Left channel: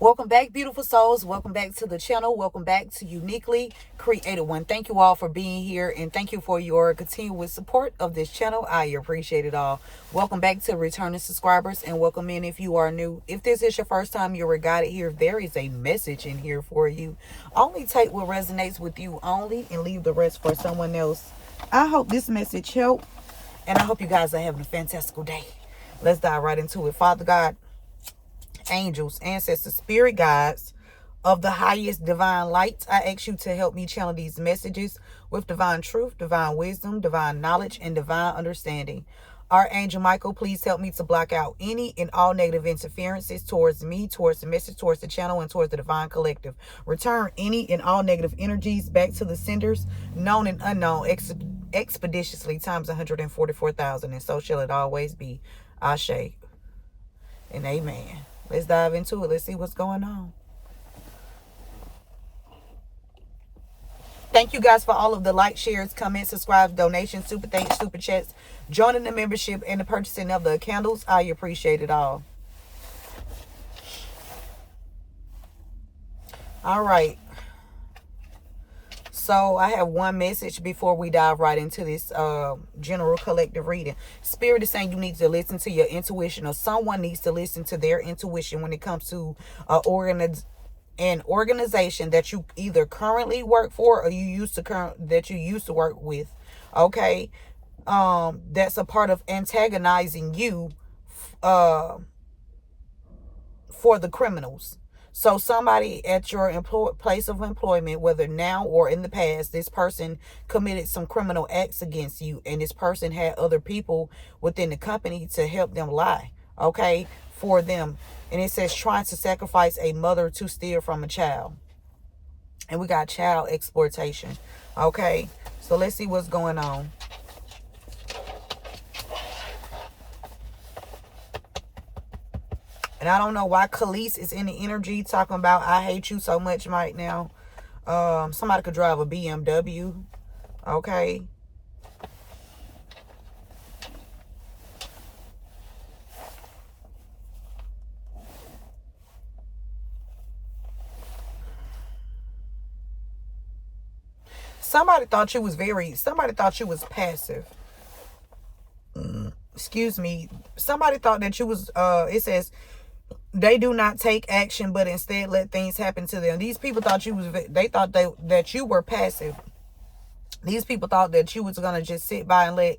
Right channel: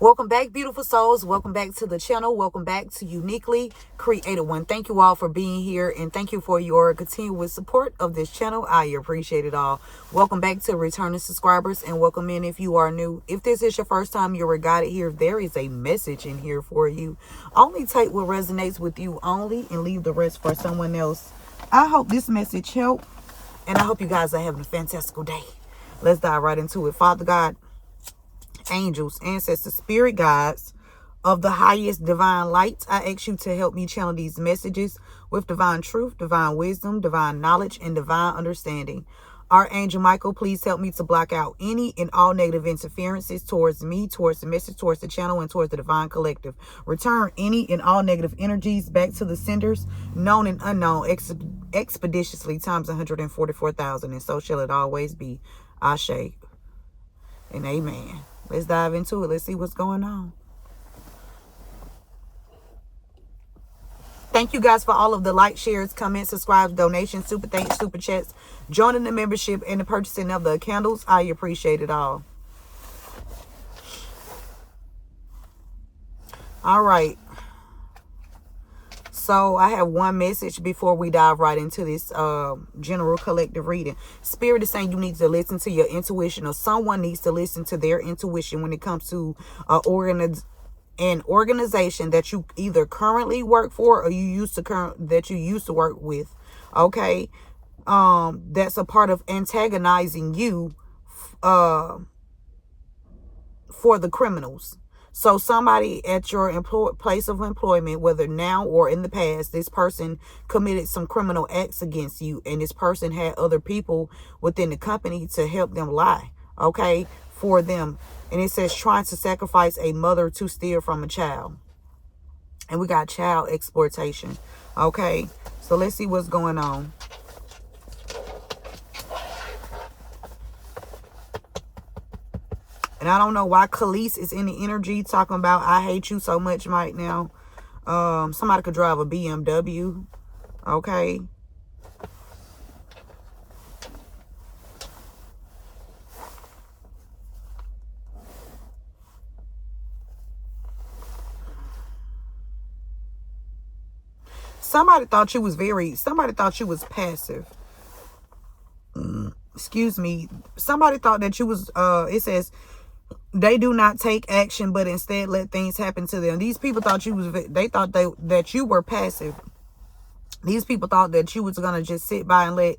Welcome back, beautiful souls. Welcome back to the channel. Welcome back to Uniquely Created One. Thank you all for being here, and thank you for your continuous support of this channel. I appreciate it all. Welcome back to returning subscribers, and welcome in if you are new. If this is your first time you're guided here, there is a message in here for you. Only take what resonates with you only, and leave the rest for someone else. I hope this message helped, and I hope you guys are having a fantastical day. Let's dive right into it. Father God, angels, ancestors, spirit guides of the highest divine light, I ask you to help me channel these messages with divine truth, divine wisdom, divine knowledge, and divine understanding. Archangel Michael, please help me to block out any and all negative interferences towards me, towards the message, towards the channel, and towards the divine collective. Return any and all negative energies back to the senders, known and unknown, expeditiously times 144,000, and so shall it always be. Ashe and amen. Let's dive into it. Let's see what's going on. Thank you guys for all of the likes, shares, comments, subscribes, donations, super thanks, super chats, joining the membership, and the purchasing of the candles. I appreciate it all. All right. So I have one message before we dive right into this general collective reading. Spirit is saying you need to listen to your intuition, or someone needs to listen to their intuition when it comes to an organization that you either currently work for or you used to work with. Okay, that's a part of antagonizing you for the criminals. So somebody at your place of employment, whether now or in the past, this person committed some criminal acts against you, and this person had other people within the company to help them lie, okay, for them. And it says trying to sacrifice a mother to steal from a child. And we got child exploitation, okay? So let's see what's going on. And I don't know why Khalees is in the energy talking about I hate you so much right now. Somebody could drive a BMW. Okay. Somebody thought you was passive. Excuse me. Somebody thought that you was, it says, they do not take action, but instead let things happen to them. These people thought they thought that you were passive. These people thought that you was going to just sit by and let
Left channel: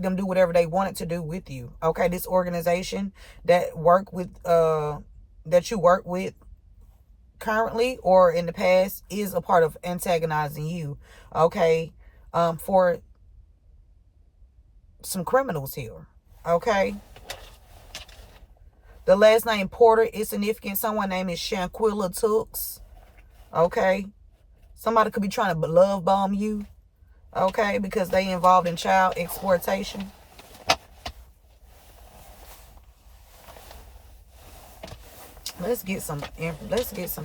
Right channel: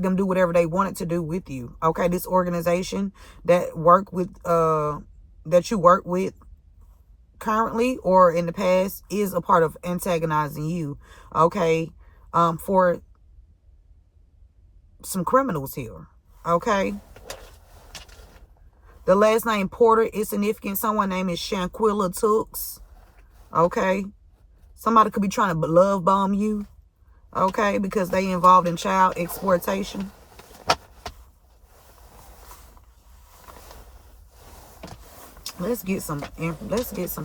them do whatever they wanted to do with you. Okay. This organization that you work with currently or in the past is a part of antagonizing you. Okay. For some criminals here. Okay. The last name Porter is significant. Someone named is Shanquilla Tooks. Okay. Somebody could be trying to love bomb you. Okay. Because they involved in child exploitation. Let's get some, it's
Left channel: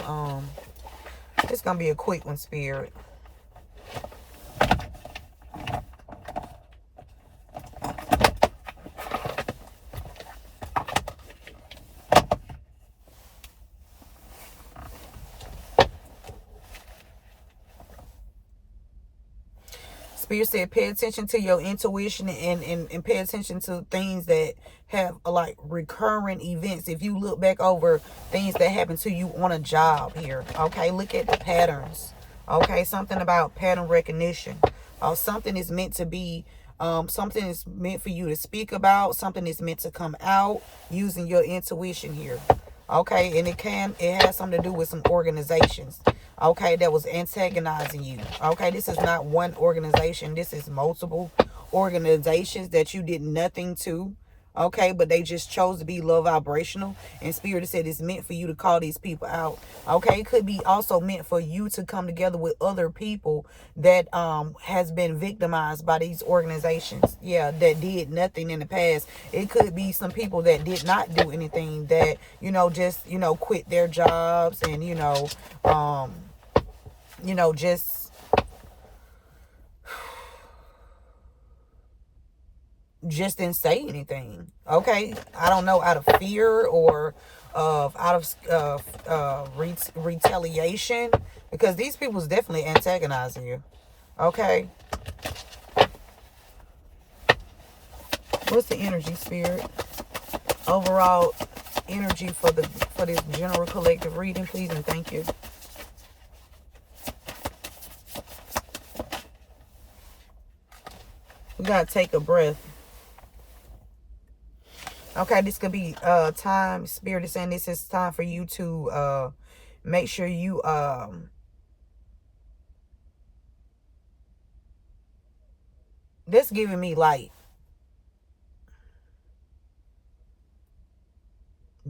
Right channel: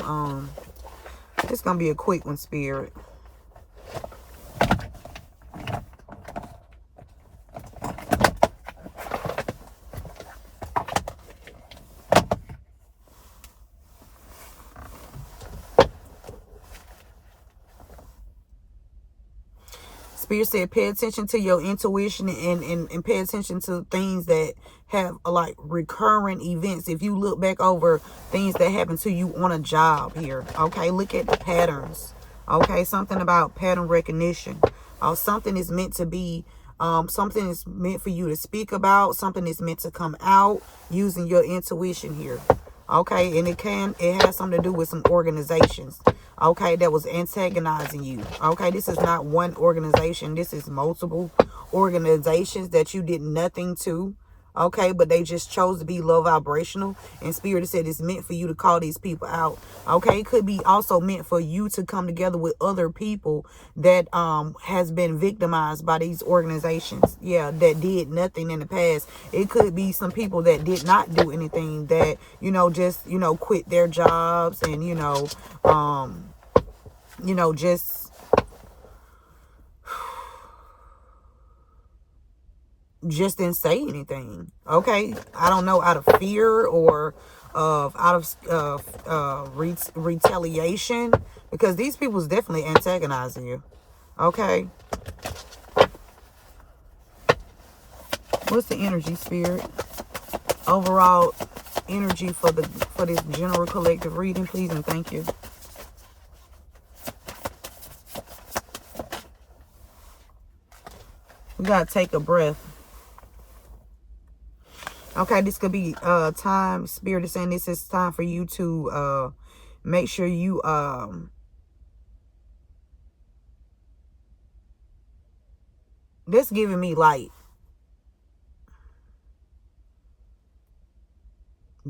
going to be a quick one, Spirit. Spirit said, pay attention to your intuition and pay attention to things that have like recurring events. If you look back over things that happen to you on a job here, okay, look at the patterns. Okay, something about pattern recognition. Something is meant to be, something is meant for you to speak about. Something is meant to come out using your intuition here. Okay, and it has something to do with some organizations. Okay, that was antagonizing you. Okay, this is not one organization. This is multiple organizations that you did nothing to. Okay, but they just chose to be low vibrational. And Spirit said it's meant for you to call these people out. Okay, it could be also meant for you to come together with other people that has been victimized by these organizations. Yeah, that did nothing in the past. It could be some people that did not do anything, that, just, quit their jobs and, just didn't say anything. Okay, I don't know, out of fear or of retaliation, because these people is definitely antagonizing you. Okay. What's the energy, Spirit? Overall energy for this general collective reading, please, and thank you. We gotta take a breath. Okay, this could be time. Spirit is saying this is time for you to make sure you this giving me like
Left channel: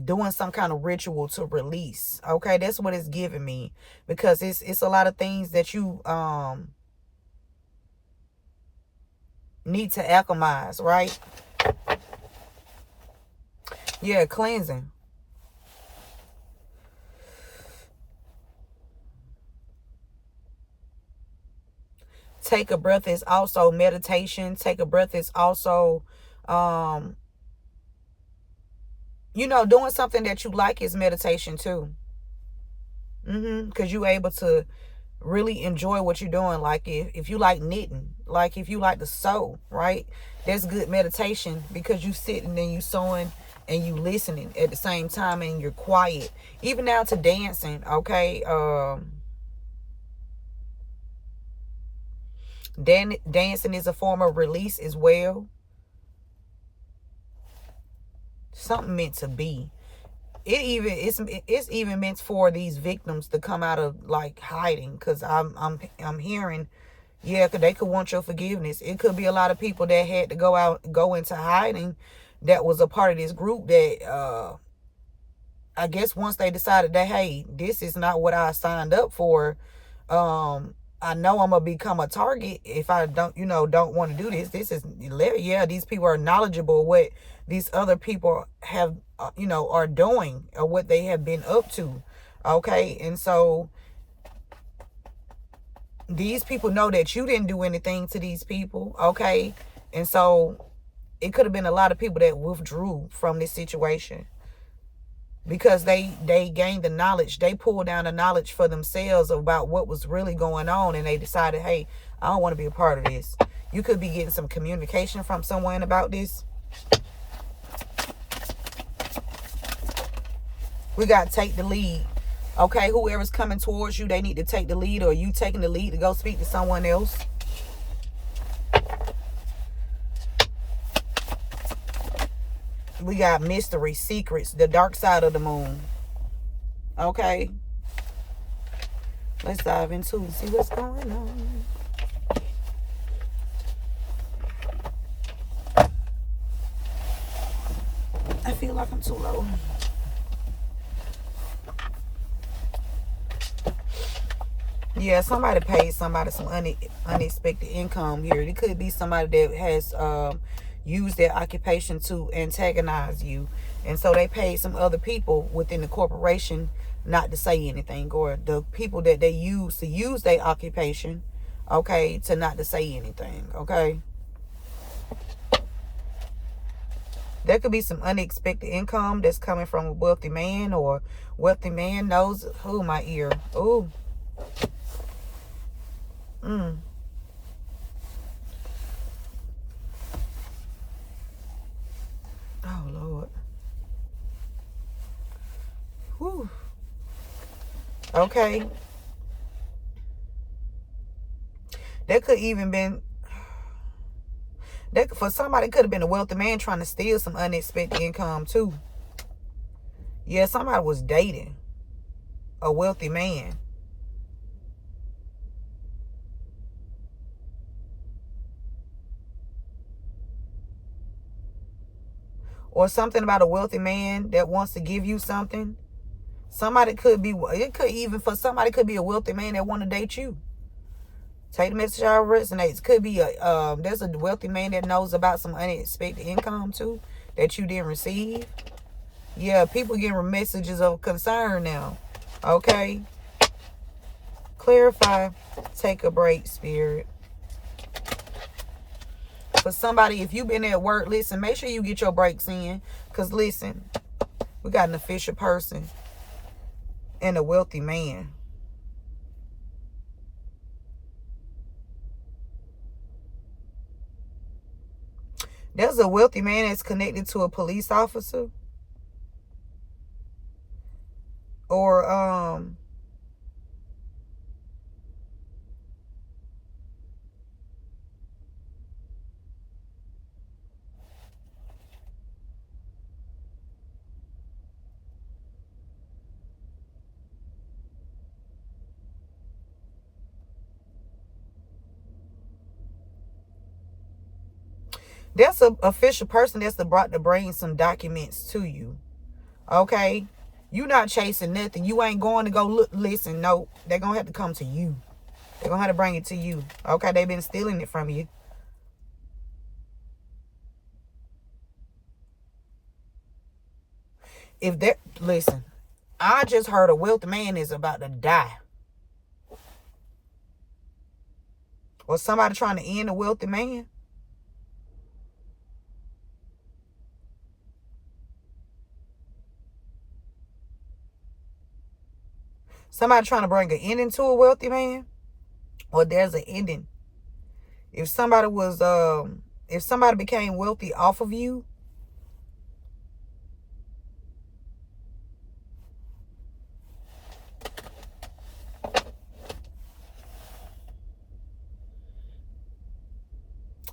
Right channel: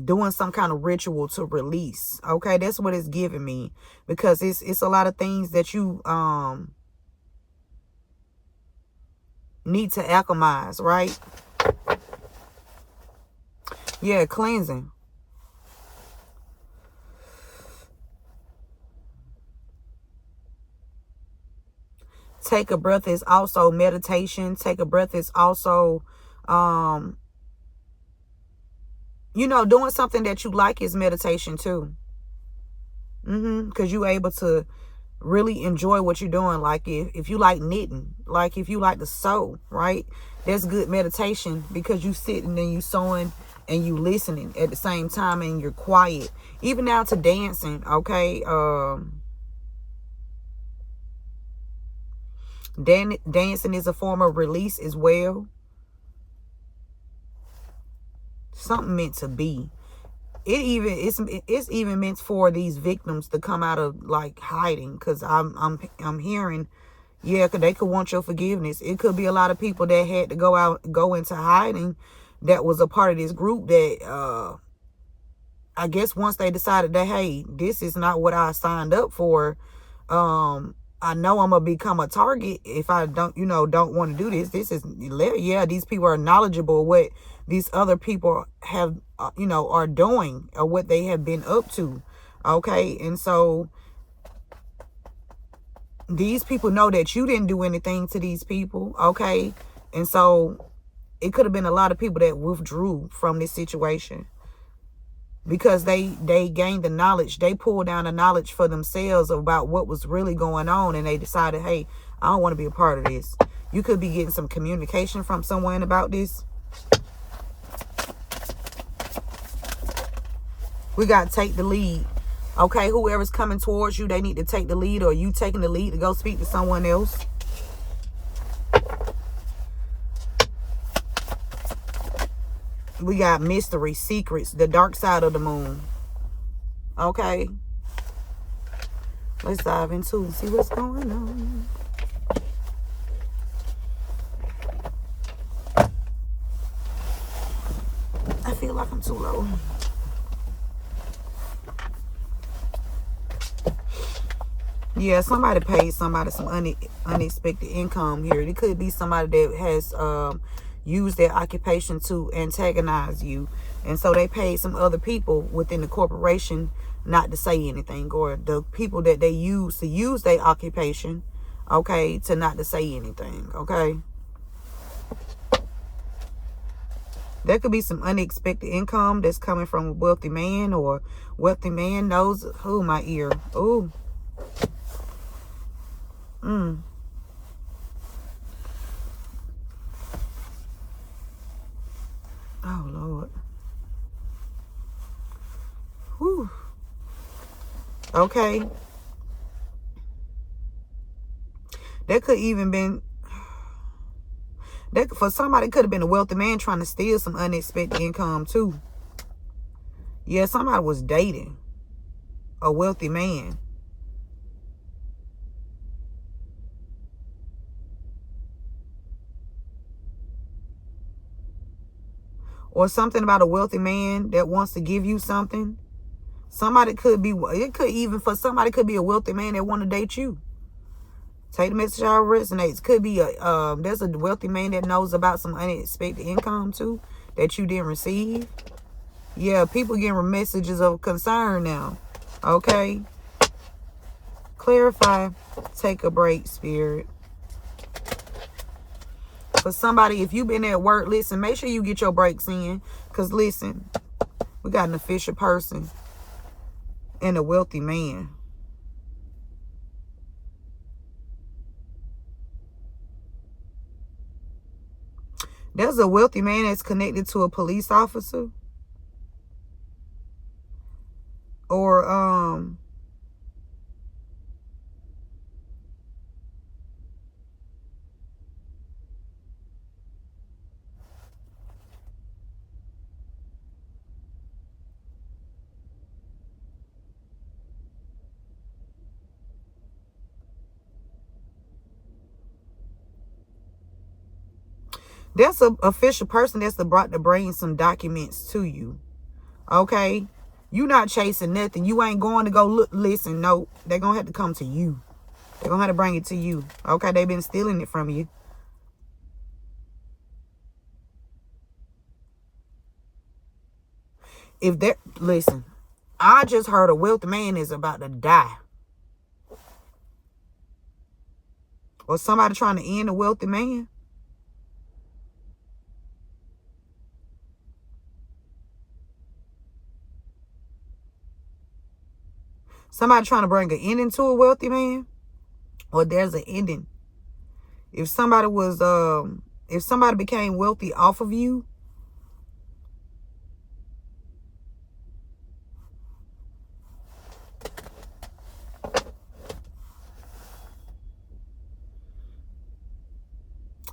doing some kind of ritual to release. Okay, that's what it's giving me, because it's a lot of things that you need to alchemize, right? Yeah, cleansing. Take a breath is also meditation. Take a breath is also you know, doing something that you like is meditation too. Because you're able to really enjoy what you're doing. Like if you like knitting, like if you like to sew, right? That's good meditation, because you sitting and you sewing and you listening at the same time, and you're quiet. Even down to dancing, okay? Dancing is a form of release as well. Something meant to be. It's even meant for these victims to come out of like hiding, because I'm hearing, yeah, cause they could want your forgiveness. It could be a lot of people that had to go into hiding, that was a part of this group that I guess once they decided that, hey, this is not what I signed up for, I know I'm gonna become a target if I don't want to do this. This is, yeah, these people are knowledgeable what these other people have are doing, or what they have been up to. Okay, and so these people know that you didn't do anything to these people. Okay, and so it could have been a lot of people that withdrew from this situation, because they gained the knowledge. They pulled down the knowledge for themselves about what was really going on, and they decided, hey, I don't want to be a part of this. You could be getting some communication from someone about this. We got to take the lead. Okay, whoever's coming towards you, they need to take the lead, or you taking the lead to go speak to someone else. We got mystery, secrets, the dark side of the moon. Okay. Let's dive into it and see what's going on. I feel like I'm too low. Yeah, somebody paid somebody some unexpected income here. It could be somebody that has used their occupation to antagonize you, and so they paid some other people within the corporation not to say anything, or the people that they use to use their occupation, okay, to not to say anything. Okay, there could be some unexpected income that's coming from a wealthy man, or wealthy man knows who my ear. Ooh. Oh, Lord. Whew. Okay. That could even been, that for somebody, could have been a wealthy man trying to steal some unexpected income too. Yeah, somebody was dating a wealthy man. Or something about a wealthy man that wants to give you something. Somebody could be, it could even, for somebody could be a wealthy man that want to date you. Take the message how it resonates. Could be there's a wealthy man that knows about some unexpected income too that you didn't receive. Yeah, people getting messages of concern now. Okay. Clarify. Take a break, Spirit. For somebody, if you've been at work, listen, make sure you get your breaks in. Because listen, We got an official person and a wealthy man. There's a wealthy man that's connected to a police officer. Or that's an official person that's brought to bring some documents to you. Okay? You not chasing nothing. You ain't going to go look, listen. No, they're going to have to come to you. They're going to have to bring it to you. Okay? They've been stealing it from you. If they're, listen, I just heard a wealthy man is about to die. Or somebody trying to end a wealthy man. Somebody trying to bring an ending to a wealthy man. Or there's an ending. If somebody became wealthy off of you,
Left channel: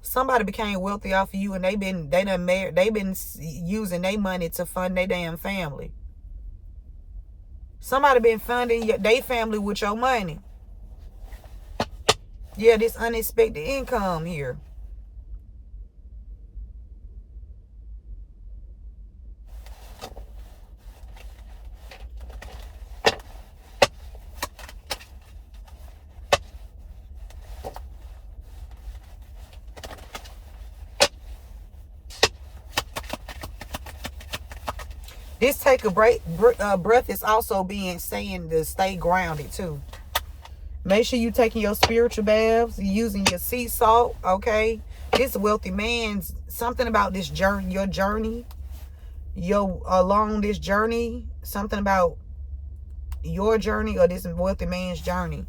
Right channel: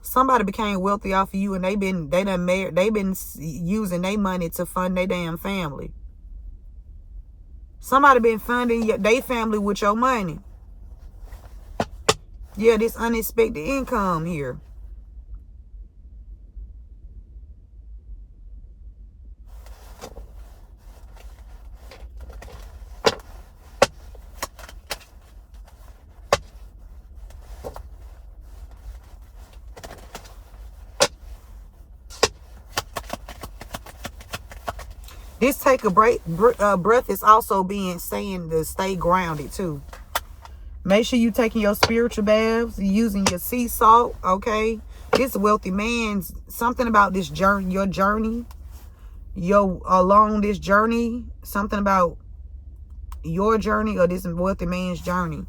somebody became wealthy off of you and they've been using their money to fund their damn family. Somebody been funding their family with your money. Yeah, this unexpected income here. This take a breath is also saying to stay grounded too. Make sure you taking your spiritual baths, using your sea salt, okay? This wealthy man's something about this journey, your journey, along this journey, something about your journey or this wealthy man's journey.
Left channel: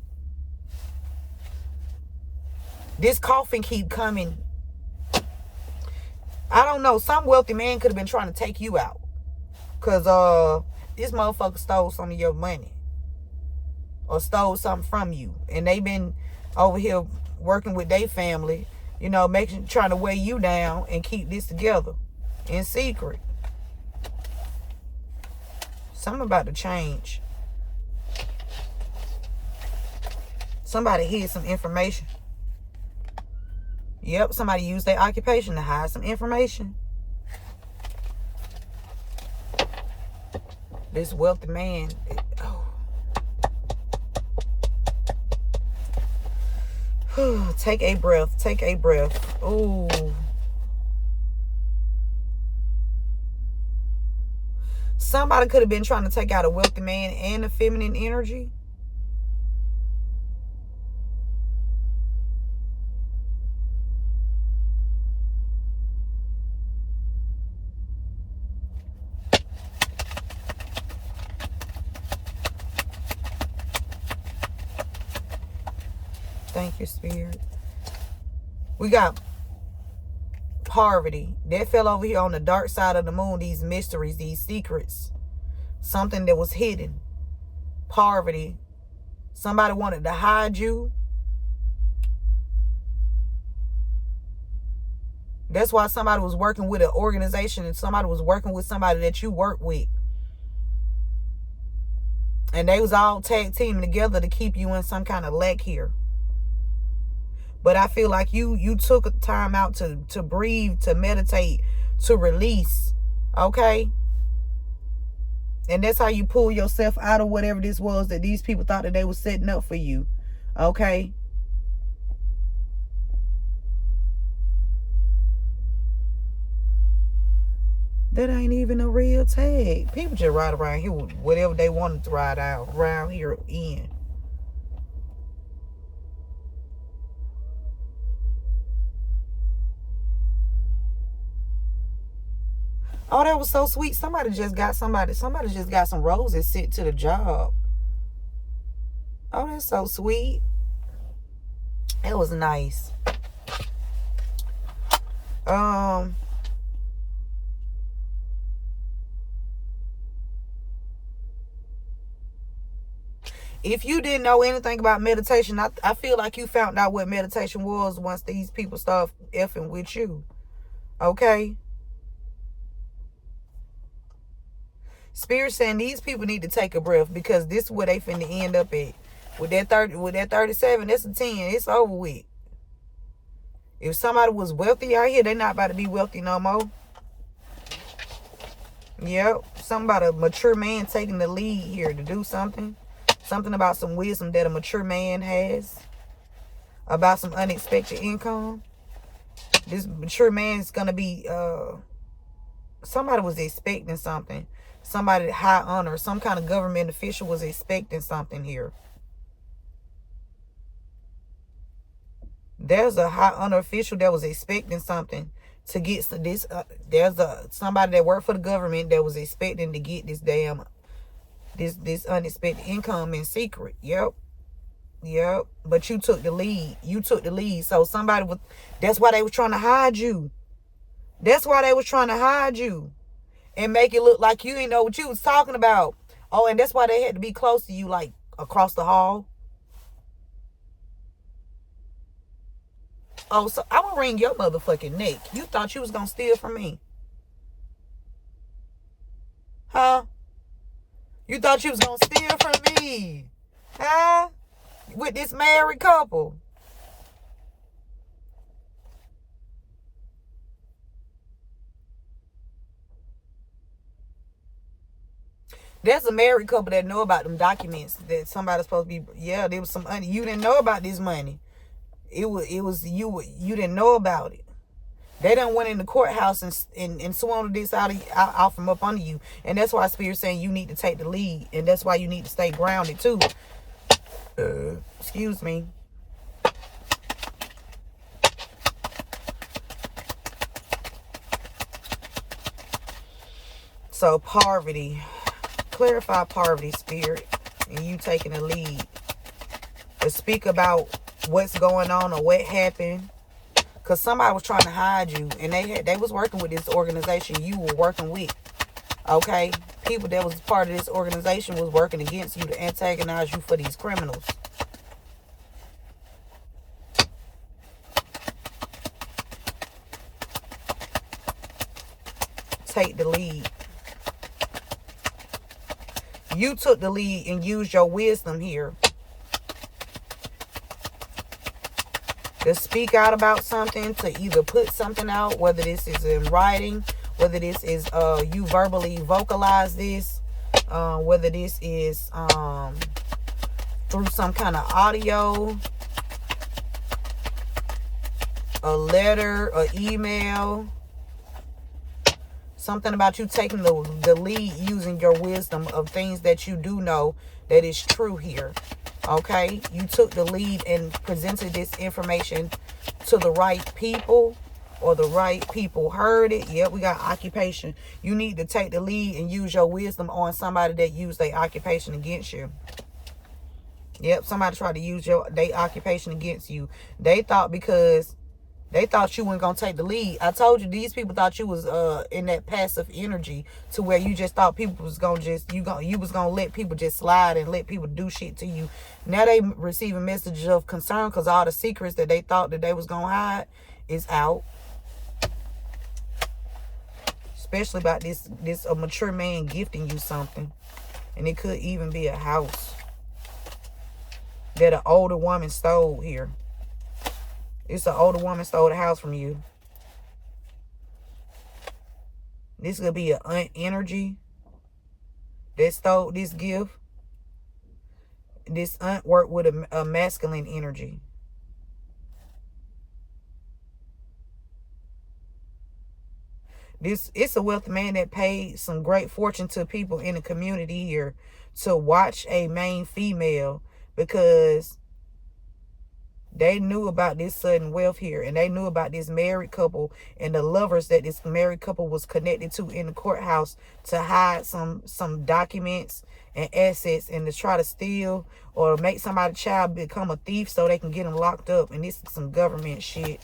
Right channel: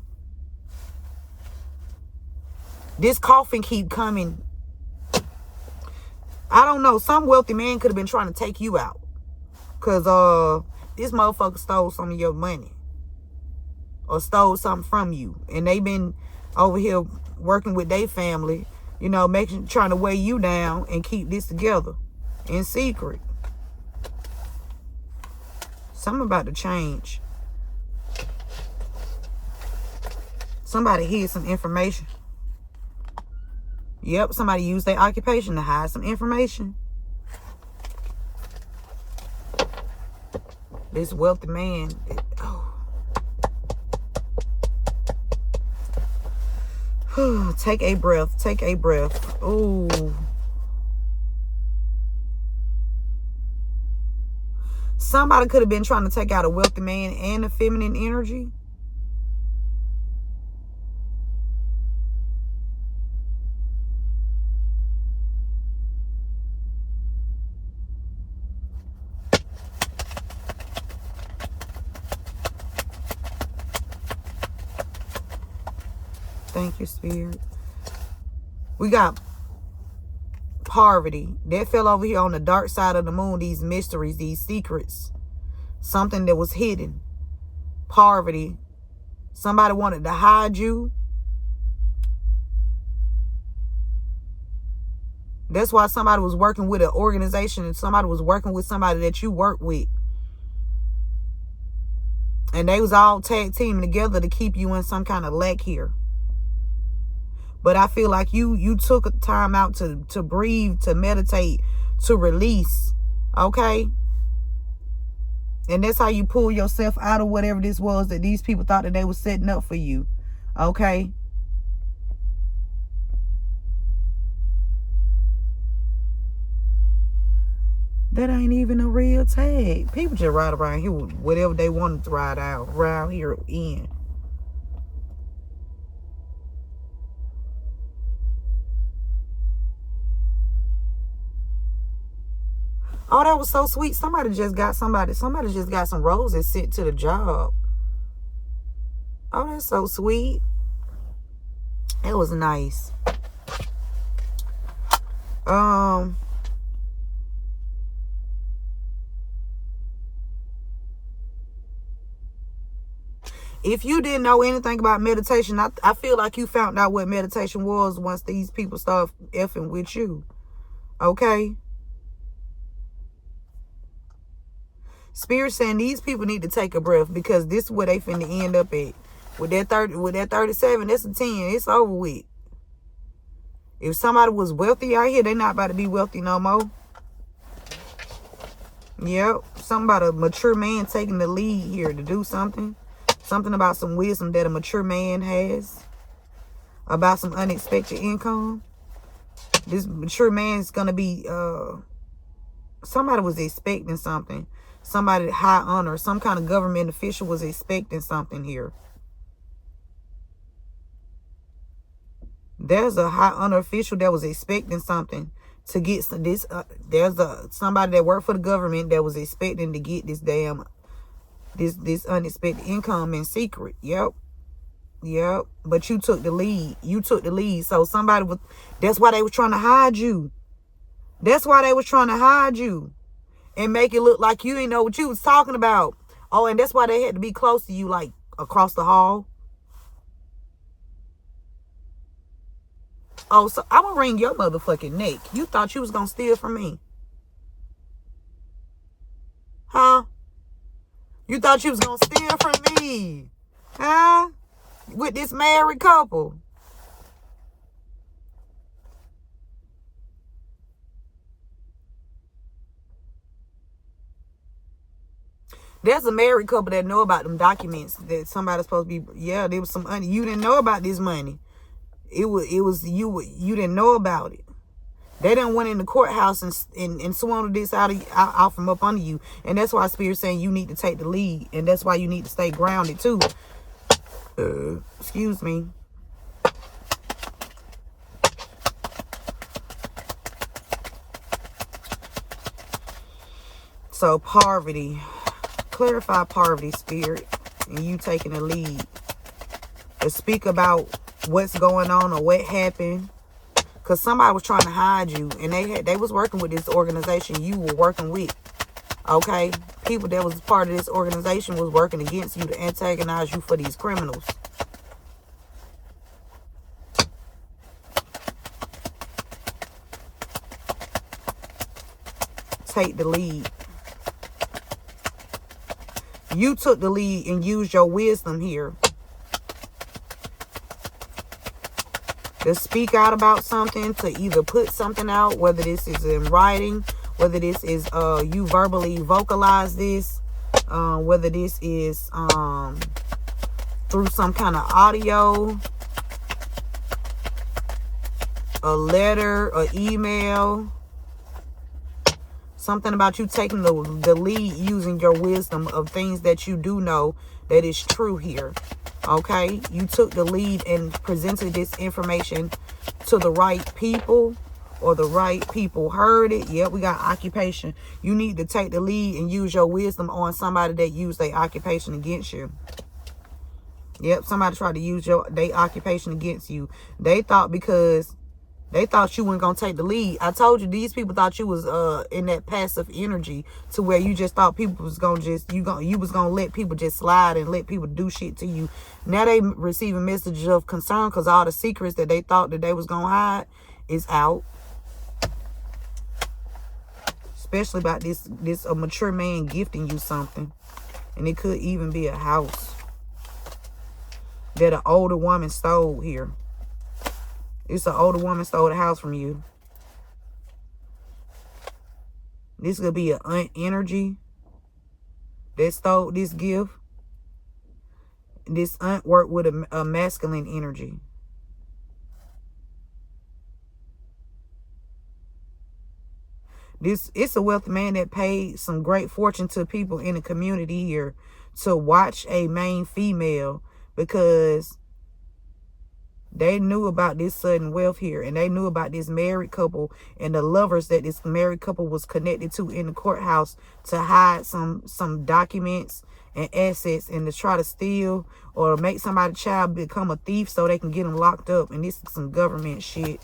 This coffin keep coming. I don't know. Some wealthy man could have been trying to take you out. Because this motherfucker stole some of your money. Or stole something from you. And they been over here working with their family. You know, trying to weigh you down and keep this together. In secret. Something about to change. Somebody hid some information. Yep, somebody used their occupation to hide some information. This wealthy man. Take a breath. Take a breath. Ooh. Somebody could have been trying to take out a wealthy man and a feminine energy. Thank you, Spirit. We got poverty. That fell over here on the dark side of the moon. These mysteries, these secrets. Something that was hidden. Poverty. Somebody wanted to hide you. That's why somebody was working with an organization and somebody was working with somebody that you work with. And they was all tag teaming together to keep you in some kind of lack here. But I feel like you took a time out to breathe, to meditate, to release. Okay? And that's how you pull yourself out of whatever this was that these people thought that they were setting up for you. Okay? That ain't even a real tag. People just ride around here with whatever they wanted to ride out around here in. Oh, that was so sweet. Somebody just got some roses sent to the job. Oh, that's so sweet. It was nice. If you didn't know anything about meditation, I feel like you found out what meditation was once these people start effing with you. Okay? Spirit saying these people need to take a breath, because this is where they finna end up at. With that 37, that's a 10. It's over with. If somebody was wealthy out here, they're not about to be wealthy no more. Yep. Something about a mature man taking the lead here to do something. Something about some wisdom that a mature man has. About some unexpected income. This mature man is going to be... somebody was expecting something. Somebody high honor. Some kind of government official was expecting something here. There's a high honor official that was expecting something to get this. There's somebody that worked for the government that was expecting to get this damn this unexpected income in secret. Yep. But you took the lead. So somebody was. That's why they were trying to hide you. And make it look like you didn't know what you was talking about. Oh, and that's why they had to be close to you, like across the hall. Oh, so I'm gonna wring your motherfucking neck. You thought you was gonna steal from me? Huh? You thought you was gonna steal from me? Huh? With this married couple? There's a married couple that know about them documents that somebody's supposed to be. Yeah, there was some money. You didn't know about this money. It was you didn't know about it. They done went in the courthouse and swung this out from up under you. And that's why Spirit's saying you need to take the lead. And that's why you need to stay grounded too. Excuse me. So poverty. Clarify poverty, Spirit. And you taking the lead. To speak about what's going on or what happened, because somebody was trying to hide you, and they was working with this organization you were working with. Okay, people that was part of this organization was working against you to antagonize you for these criminals. Take the lead. You took the lead and used your wisdom here to speak out about something, to either put something out, whether this is in writing, whether this is you verbally vocalize this, whether this is through some kind of audio, a letter, an email, something about you taking the lead using your wisdom of things that you do know that is true here. Okay, you took the lead and presented this information to the right people, or the right people heard it. Yep, we got occupation. You need to take the lead and use your wisdom on somebody that used their occupation against you. Yep, somebody tried to use their occupation against you. They thought because they thought you weren't gonna take the lead. I told you these people thought you was in that passive energy, to where you just thought people was gonna you was gonna let people just slide and let people do shit to you. Now they receiving messages of concern, because all the secrets that they thought that they was gonna hide is out. Especially about this a mature man gifting you something, and it could even be a house that an older woman stole here. It's an older woman stole the house from you. This could be an energy that stole this gift. This aunt worked with a masculine energy. It's a wealthy man that paid some great fortune to people in the community here to watch a main female, because They knew about this sudden wealth here, and they knew about this married couple and the lovers that this married couple was connected to in the courthouse to hide some documents and assets and to try to steal or make somebody's child become a thief so they can get them locked up. And this is some government shit.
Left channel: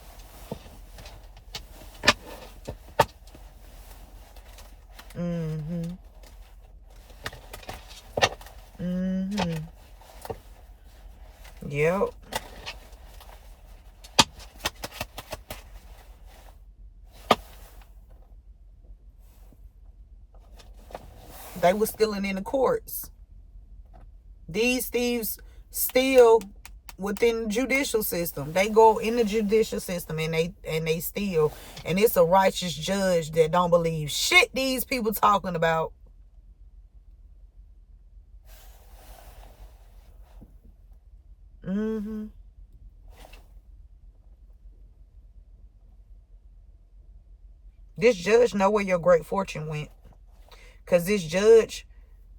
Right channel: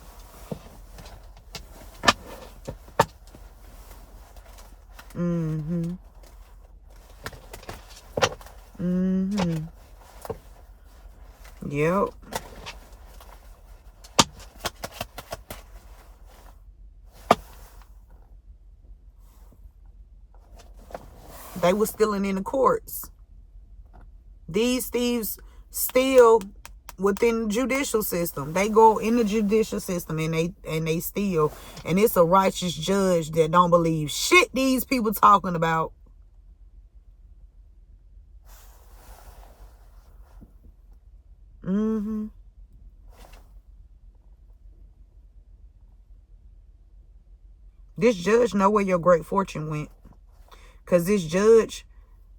Yep. They were stealing in the courts. These thieves steal within the judicial system. They go in the judicial system and they steal. And it's a righteous judge that don't believe shit these people talking about. This judge know where your great fortune went. Because this judge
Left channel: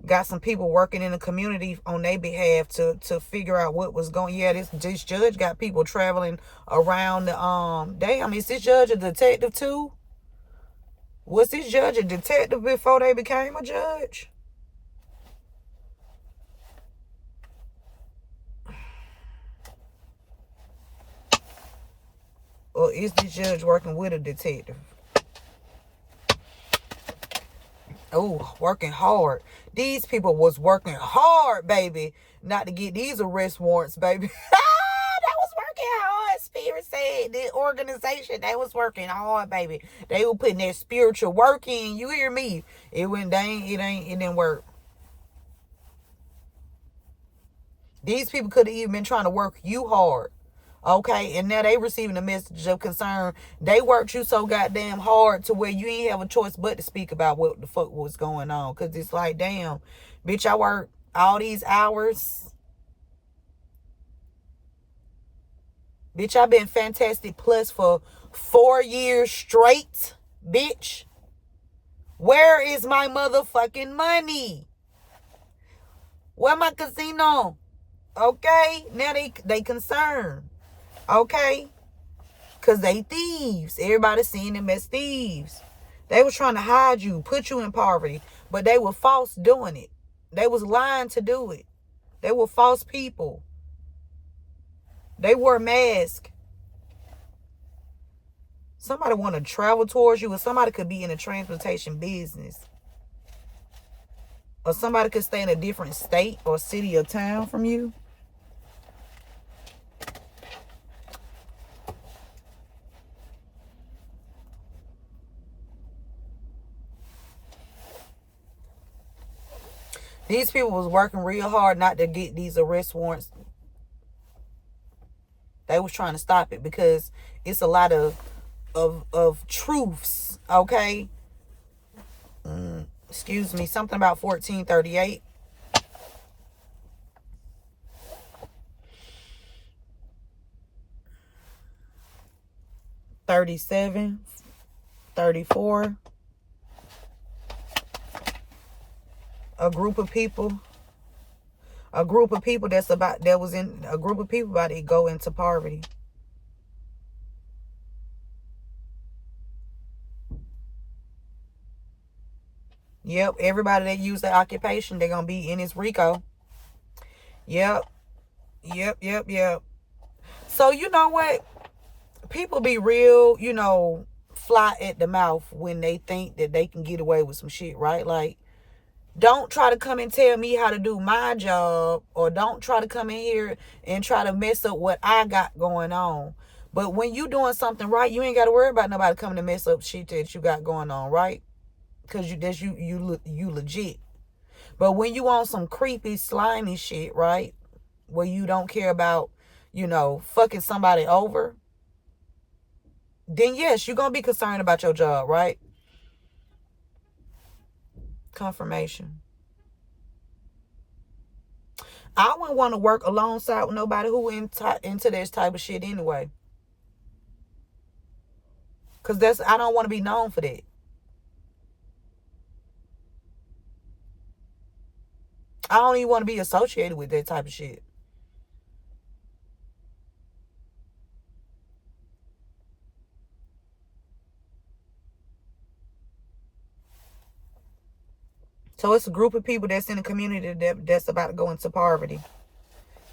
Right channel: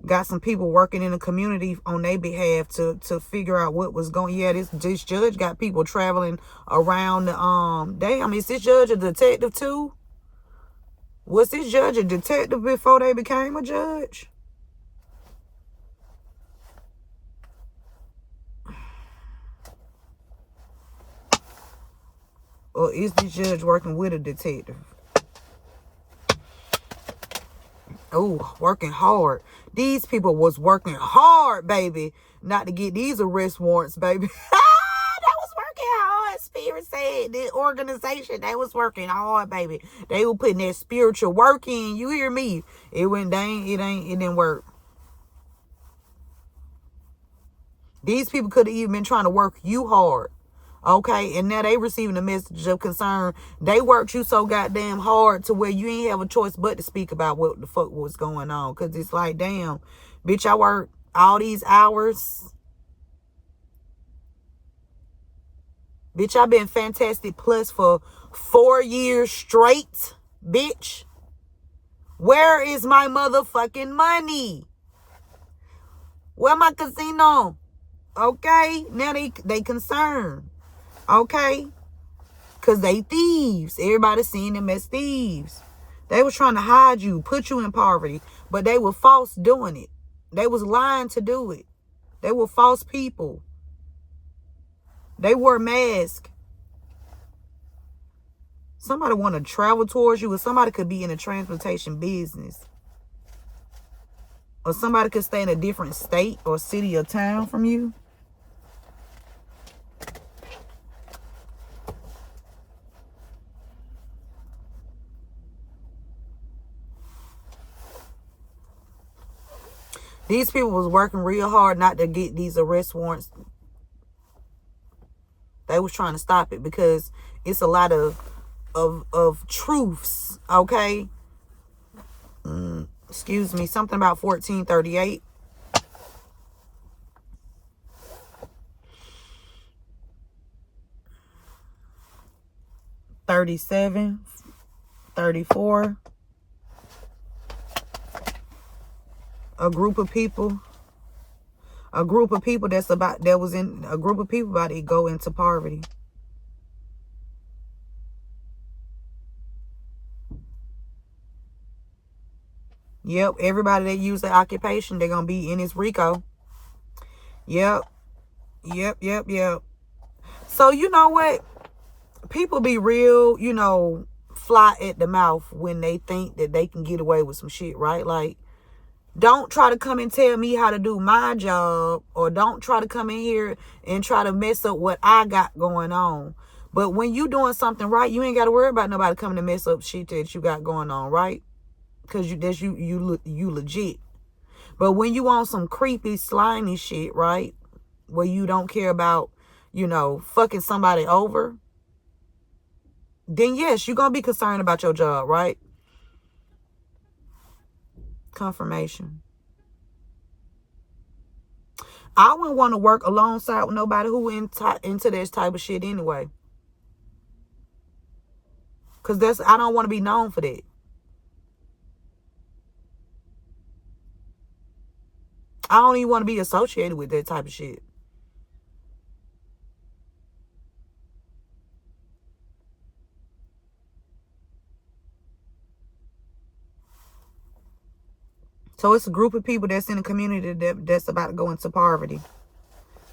got some people working in the community on their behalf to figure out what was going. Yeah, this judge got people traveling around the damn, is this judge a detective too? Was this judge a detective before they became a judge? Or is this judge working with a detective? Oh, working hard. These people was working hard, baby, not to get these arrest warrants, baby. That was working hard. Spirit said the organization, they was working hard, baby. They were putting that spiritual work in. You hear me? It didn't work. These people could have even been trying to work you hard. Okay, and now they receiving a message of concern. They worked you so goddamn hard to where you ain't have a choice but to speak about what the fuck was going on. Because it's like, damn, bitch, I worked all these hours. Bitch, I've been Fantastic Plus for 4 years straight, bitch. Where is my motherfucking money? Where my casino? Okay, now they concerned. Okay, because they thieves. Everybody seen them as thieves. They was trying to hide you, put you in poverty, but they were false doing it. They was lying to do it. They were false people. They wore masks. Somebody want to travel towards you, or somebody could be in the transportation business, or somebody could stay in a different state or city or town from you. These people was working real hard not to get these arrest warrants. They was trying to stop it because it's a lot of truths, okay? Excuse me, something about 1438. $37, $34. A group of people that's about that was in a group of people about to go into poverty. Yep, everybody that used that occupation, they're gonna be in this RICO. Yep. So you know what? People be real, fly at the mouth when they think that they can get away with some shit, right? Like, don't try to come and tell me how to do my job, or don't try to come in here and try to mess up what I got going on. But when you doing something right, you ain't got to worry about nobody coming to mess up shit that you got going on, right? Because you legit. But when you on some creepy, slimy shit, right, where you don't care about, fucking somebody over, then yes, you're going to be concerned about your job, right? Confirmation. I wouldn't want to work alongside with nobody who into this type of shit anyway. Because I don't want to be known for that. I don't even want to be associated with that type of shit. So it's a group of people that's in the community that's about to go into poverty.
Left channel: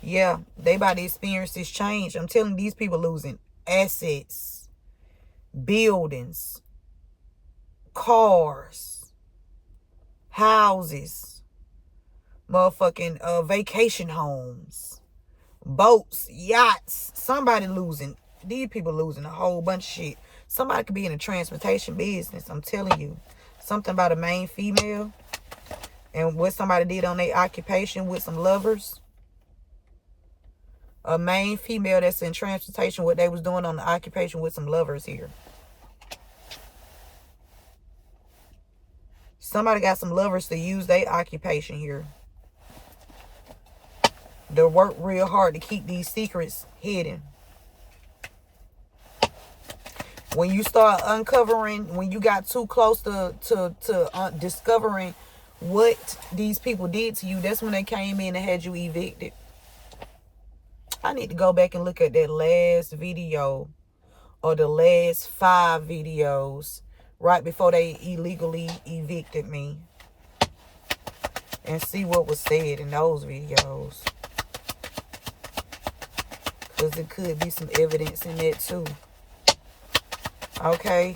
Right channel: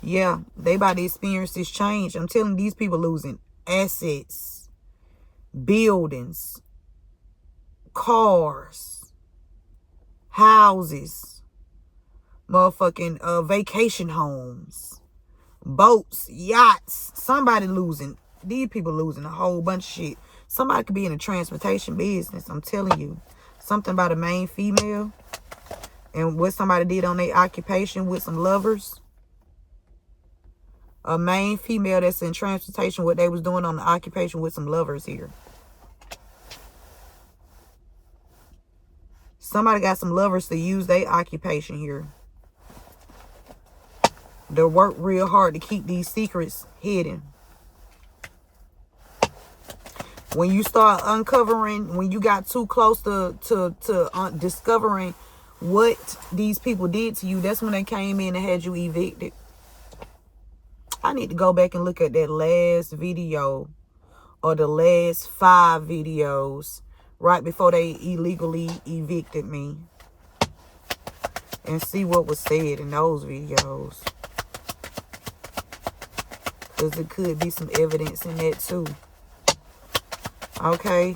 Yeah, they about to experience this change. I'm telling you, these people losing assets, buildings, cars, houses, motherfucking vacation homes, boats, yachts. Somebody losing. These people losing a whole bunch of shit. Somebody could be in the transportation business. I'm telling you. Something about a main female and what somebody did on their occupation with some lovers. A main female that's in transportation, what they was doing on the occupation with some lovers here. Somebody got some lovers to use their occupation here. They work real hard to keep these secrets hidden. When you start uncovering, when you got too close to discovering what these people did to you, that's when they came in and had you evicted. I need to go back and look at that last video or the last 5 videos right before they illegally evicted me and see what was said in those videos. Because it could be some evidence in that too. Okay.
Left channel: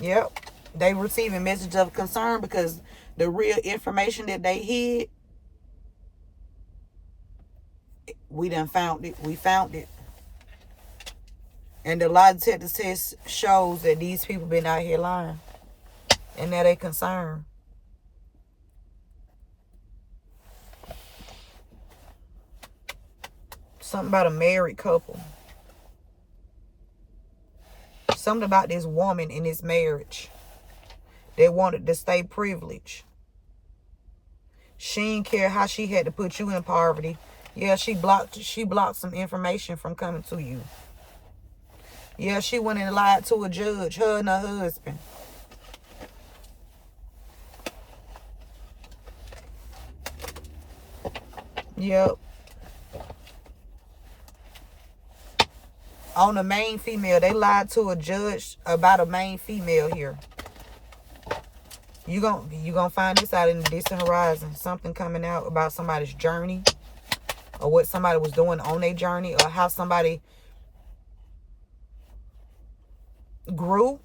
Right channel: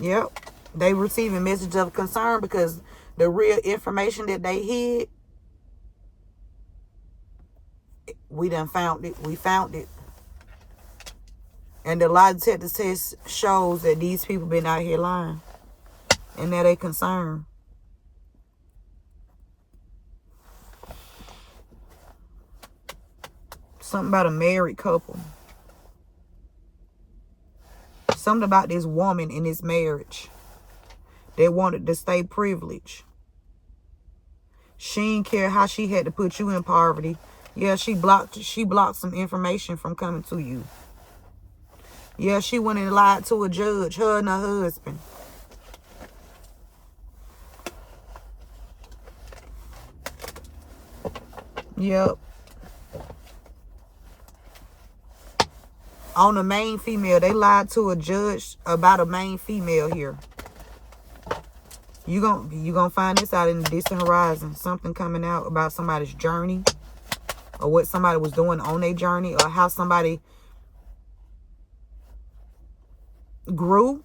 Yep. They receiving message of concern because the real information that they hid, we done found it. We found it. And the lie detector test shows that these people been out here lying. And now they concerned. Something about a married couple. Something about this woman in this marriage. They wanted to stay privileged. She didn't care how she had to put you in poverty. Yeah, she blocked some information from coming to you. Yeah, she went and lied to a judge, her and her husband. Yep. On the main female, they lied to a judge about a main female here. You gonna find this out in the distant horizon. Something coming out about somebody's journey, or what somebody was doing on their journey, or how somebody grew.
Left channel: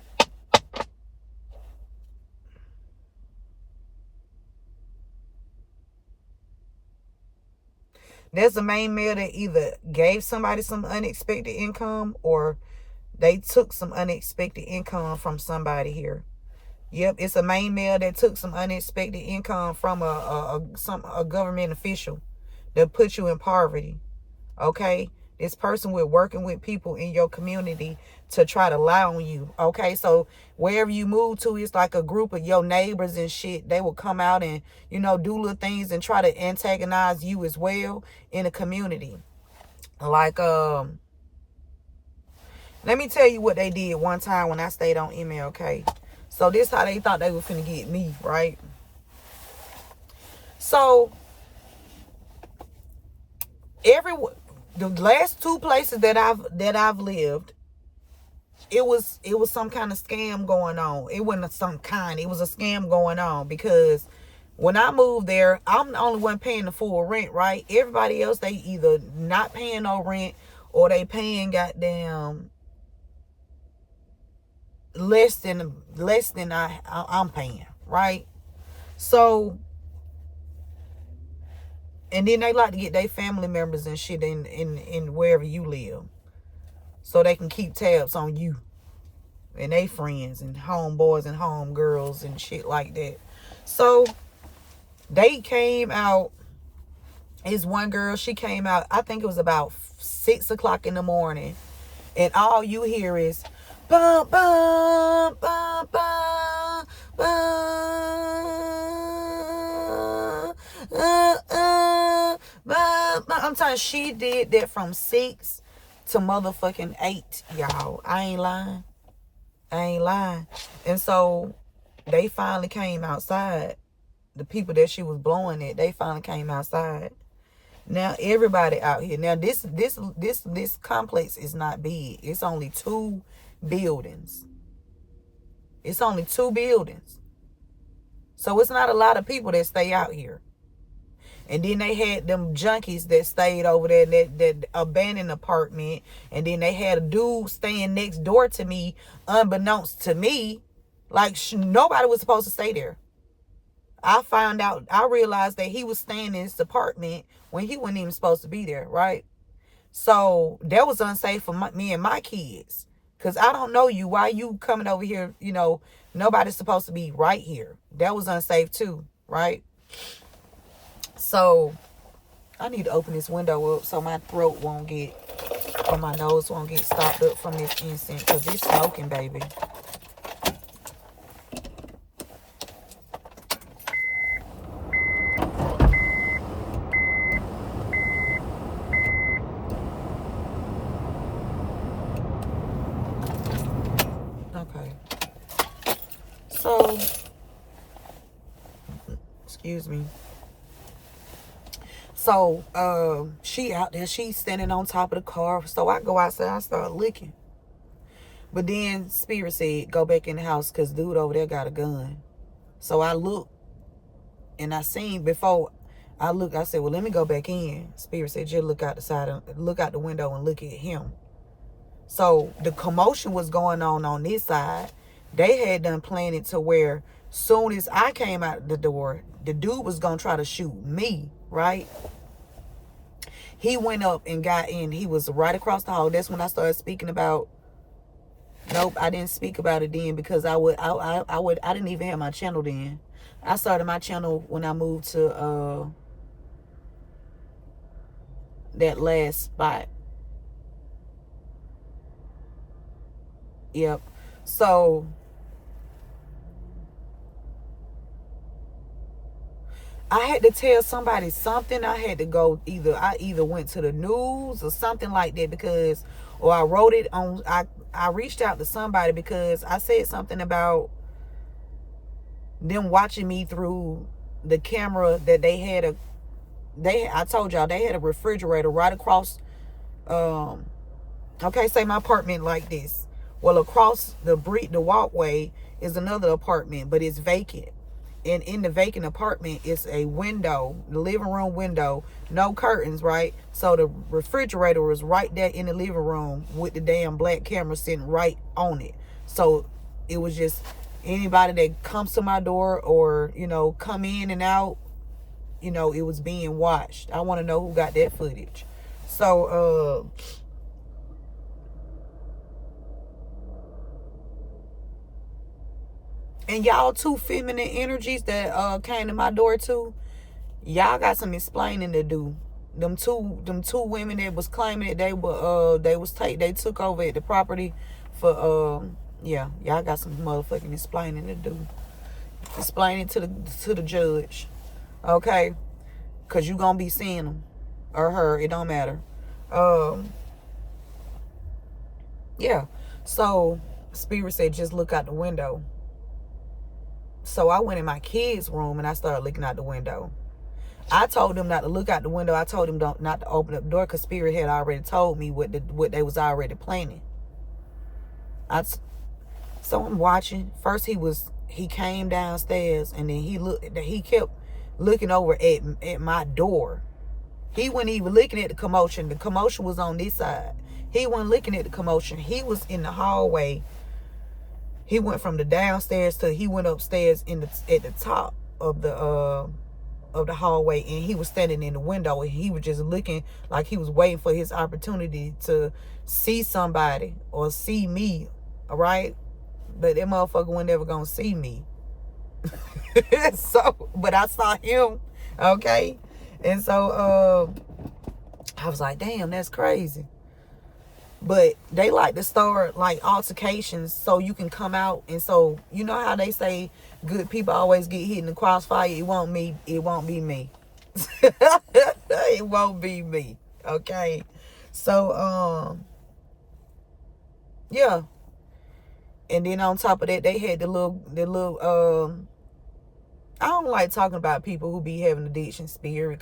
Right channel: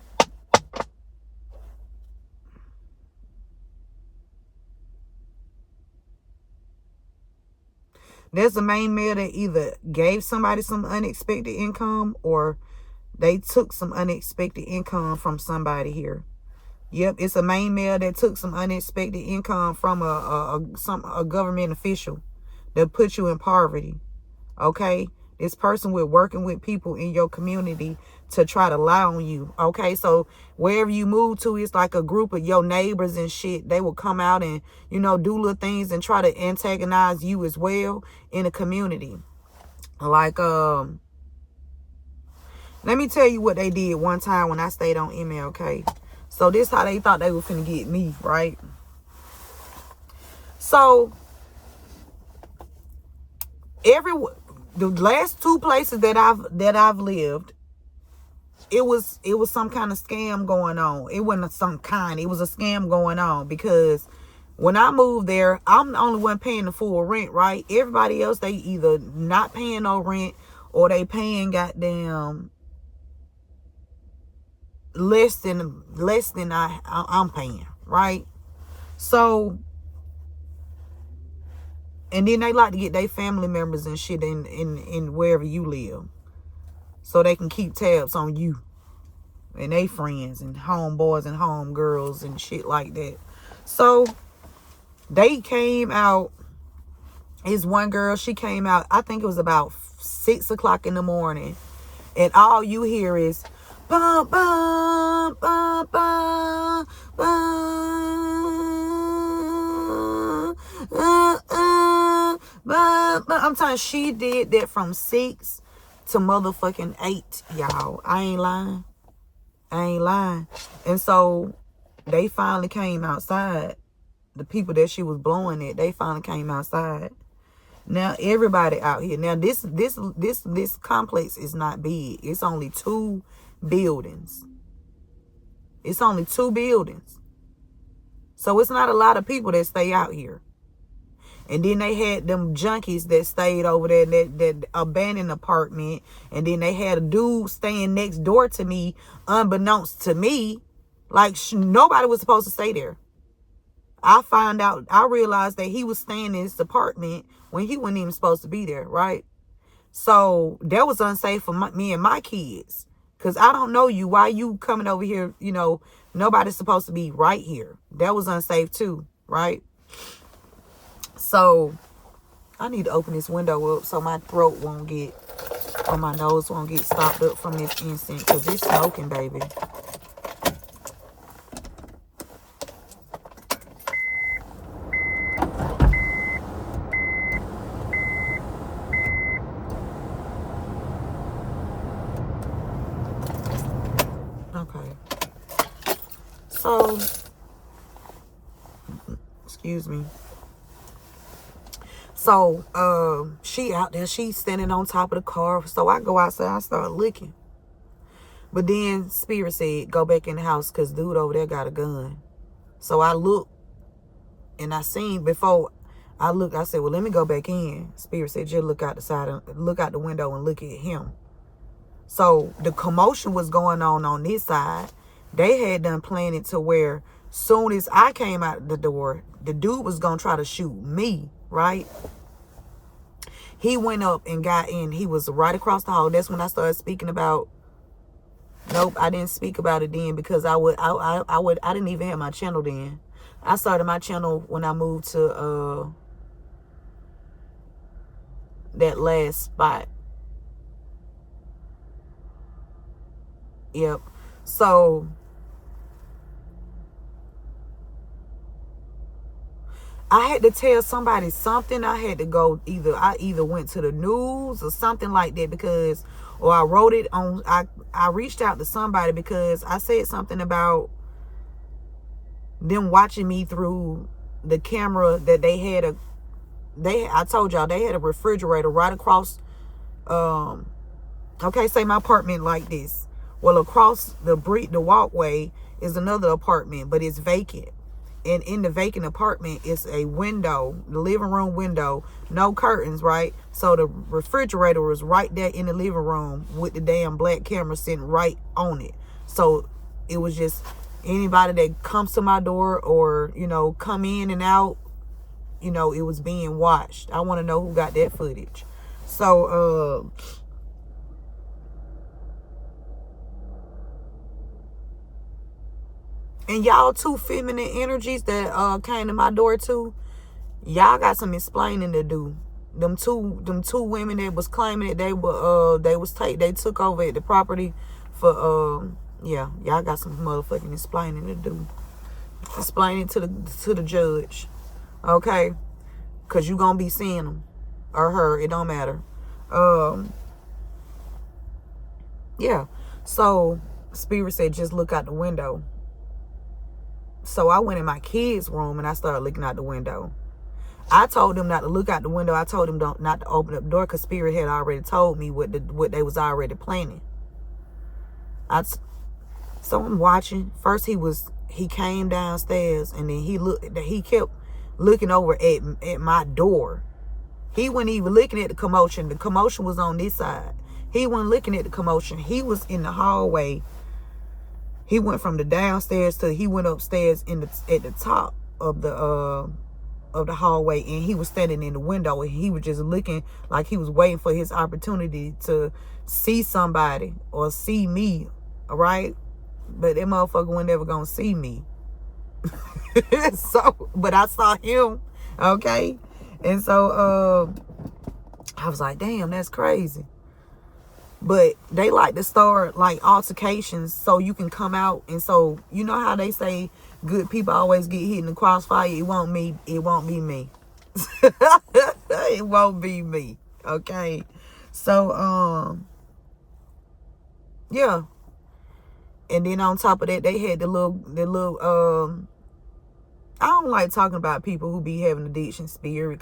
There's a main male that either gave somebody some unexpected income or they took some unexpected income from somebody here. Yep, it's a main male that took some unexpected income from a government official that put you in poverty. Okay? This person will working with people in your community to try to lie on you. Okay, so wherever you move to, it's like a group of your neighbors and shit. They will come out and, you know, do little things and try to antagonize you as well in the community. Like, let me tell you what they did one time when I stayed on MLK. So this how they thought they were finna get me, right? So the last 2 places that I've lived, it was some kind of scam going on. It wasn't some kind. It was a scam going on because when I moved there, I'm the only one paying the full rent, right? Everybody else, they either not paying no rent or they paying goddamn less than I'm paying, right? So, and then they like to get their family members and shit in wherever you live, so they can keep tabs on you and they friends and homeboys and homegirls and shit like that. So they came out. Is one girl, she came out, I think it was about 6 o'clock in the morning, and all you hear is bum, bum, bum, bum, bum, bum. I'm telling you, she did that from 6 to motherfucking 8, y'all. I ain't lying. And so they finally came outside. The people that she was blowing at, they finally came outside. Now everybody out here. Now this complex is not big. It's only 2 buildings. It's only 2 buildings. So it's not a lot of people that stay out here. And then they had them junkies that stayed over there in that abandoned apartment. And then they had a dude staying next door to me, unbeknownst to me. Like, nobody was supposed to stay there. I realized that he was staying in his apartment when he wasn't even supposed to be there, right? So that was unsafe for me and my kids. Because I don't know you. Why you coming over here? You know, nobody's supposed to be right here. That was unsafe too, right? So I need to open this window up so my throat won't get, or my nose won't get stopped up from this incense, because it's smoking, baby. Okay. So, excuse me. So, she out there, she's standing on top of the car. So I go outside, I start looking. But then Spirit said, go back in the house because dude over there got a gun. So I looked and I seen before I looked, I said, well, let me go back in. Spirit said, just look out the side, look out the window and look at him. So the commotion was going on this side. They had done planned it to where soon as I came out the door, the dude was going to try to shoot me, right? He went up and got in. He was right across the hall. That's when I started speaking about, nope, I didn't speak about it then because I didn't even have my channel then. I started my channel when I moved to that last spot. Yep. So I had to tell somebody something. I had to go I either went to the news or something like that because, or I wrote it on, I reached out to somebody because I said something about them watching me through the camera that they had I told y'all they had a refrigerator right across, okay, say my apartment like this. Well, across the walkway is another apartment, but it's vacant. And in the vacant apartment is a window, the living room window, no curtains, right? So the refrigerator was right there in the living room with the damn black camera sitting right on it. So it was just anybody that comes to my door or, you know, come in and out, you know, it was being watched. I want to know who got that footage. So, and y'all two feminine energies that came to my door too, y'all got some explaining to do. Them two women that was claiming that they took over at the property for yeah, y'all got some motherfucking explaining to do. Explaining to the judge, okay? Cause you gonna be seeing them or her, it don't matter. Yeah. So Spirit said just look out the window. So I went in my kids' room and I started looking out the window. I told them not to look out the window. I told them not to open up the door because Spirit had already told me what they was already planning. So I'm watching. First he came downstairs and then he kept looking over at my door. He wasn't even looking at the commotion. The commotion was on this side. He wasn't looking at the commotion. He was in the hallway. He went from the downstairs to he went upstairs at the top of the hallway, and he was standing in the window and he was just looking like he was waiting for his opportunity to see somebody or see me, all right? But that motherfucker wasn't ever gonna see me. So, but I saw him, okay? And so I was like, damn, that's crazy. But they like to start like altercations so you can come out. And so, you know how they say good people always get hit in the crossfire? It won't be me. It won't be me. Okay. So, yeah. And then on top of that, they had the little, I don't like talking about people who be having addiction spirit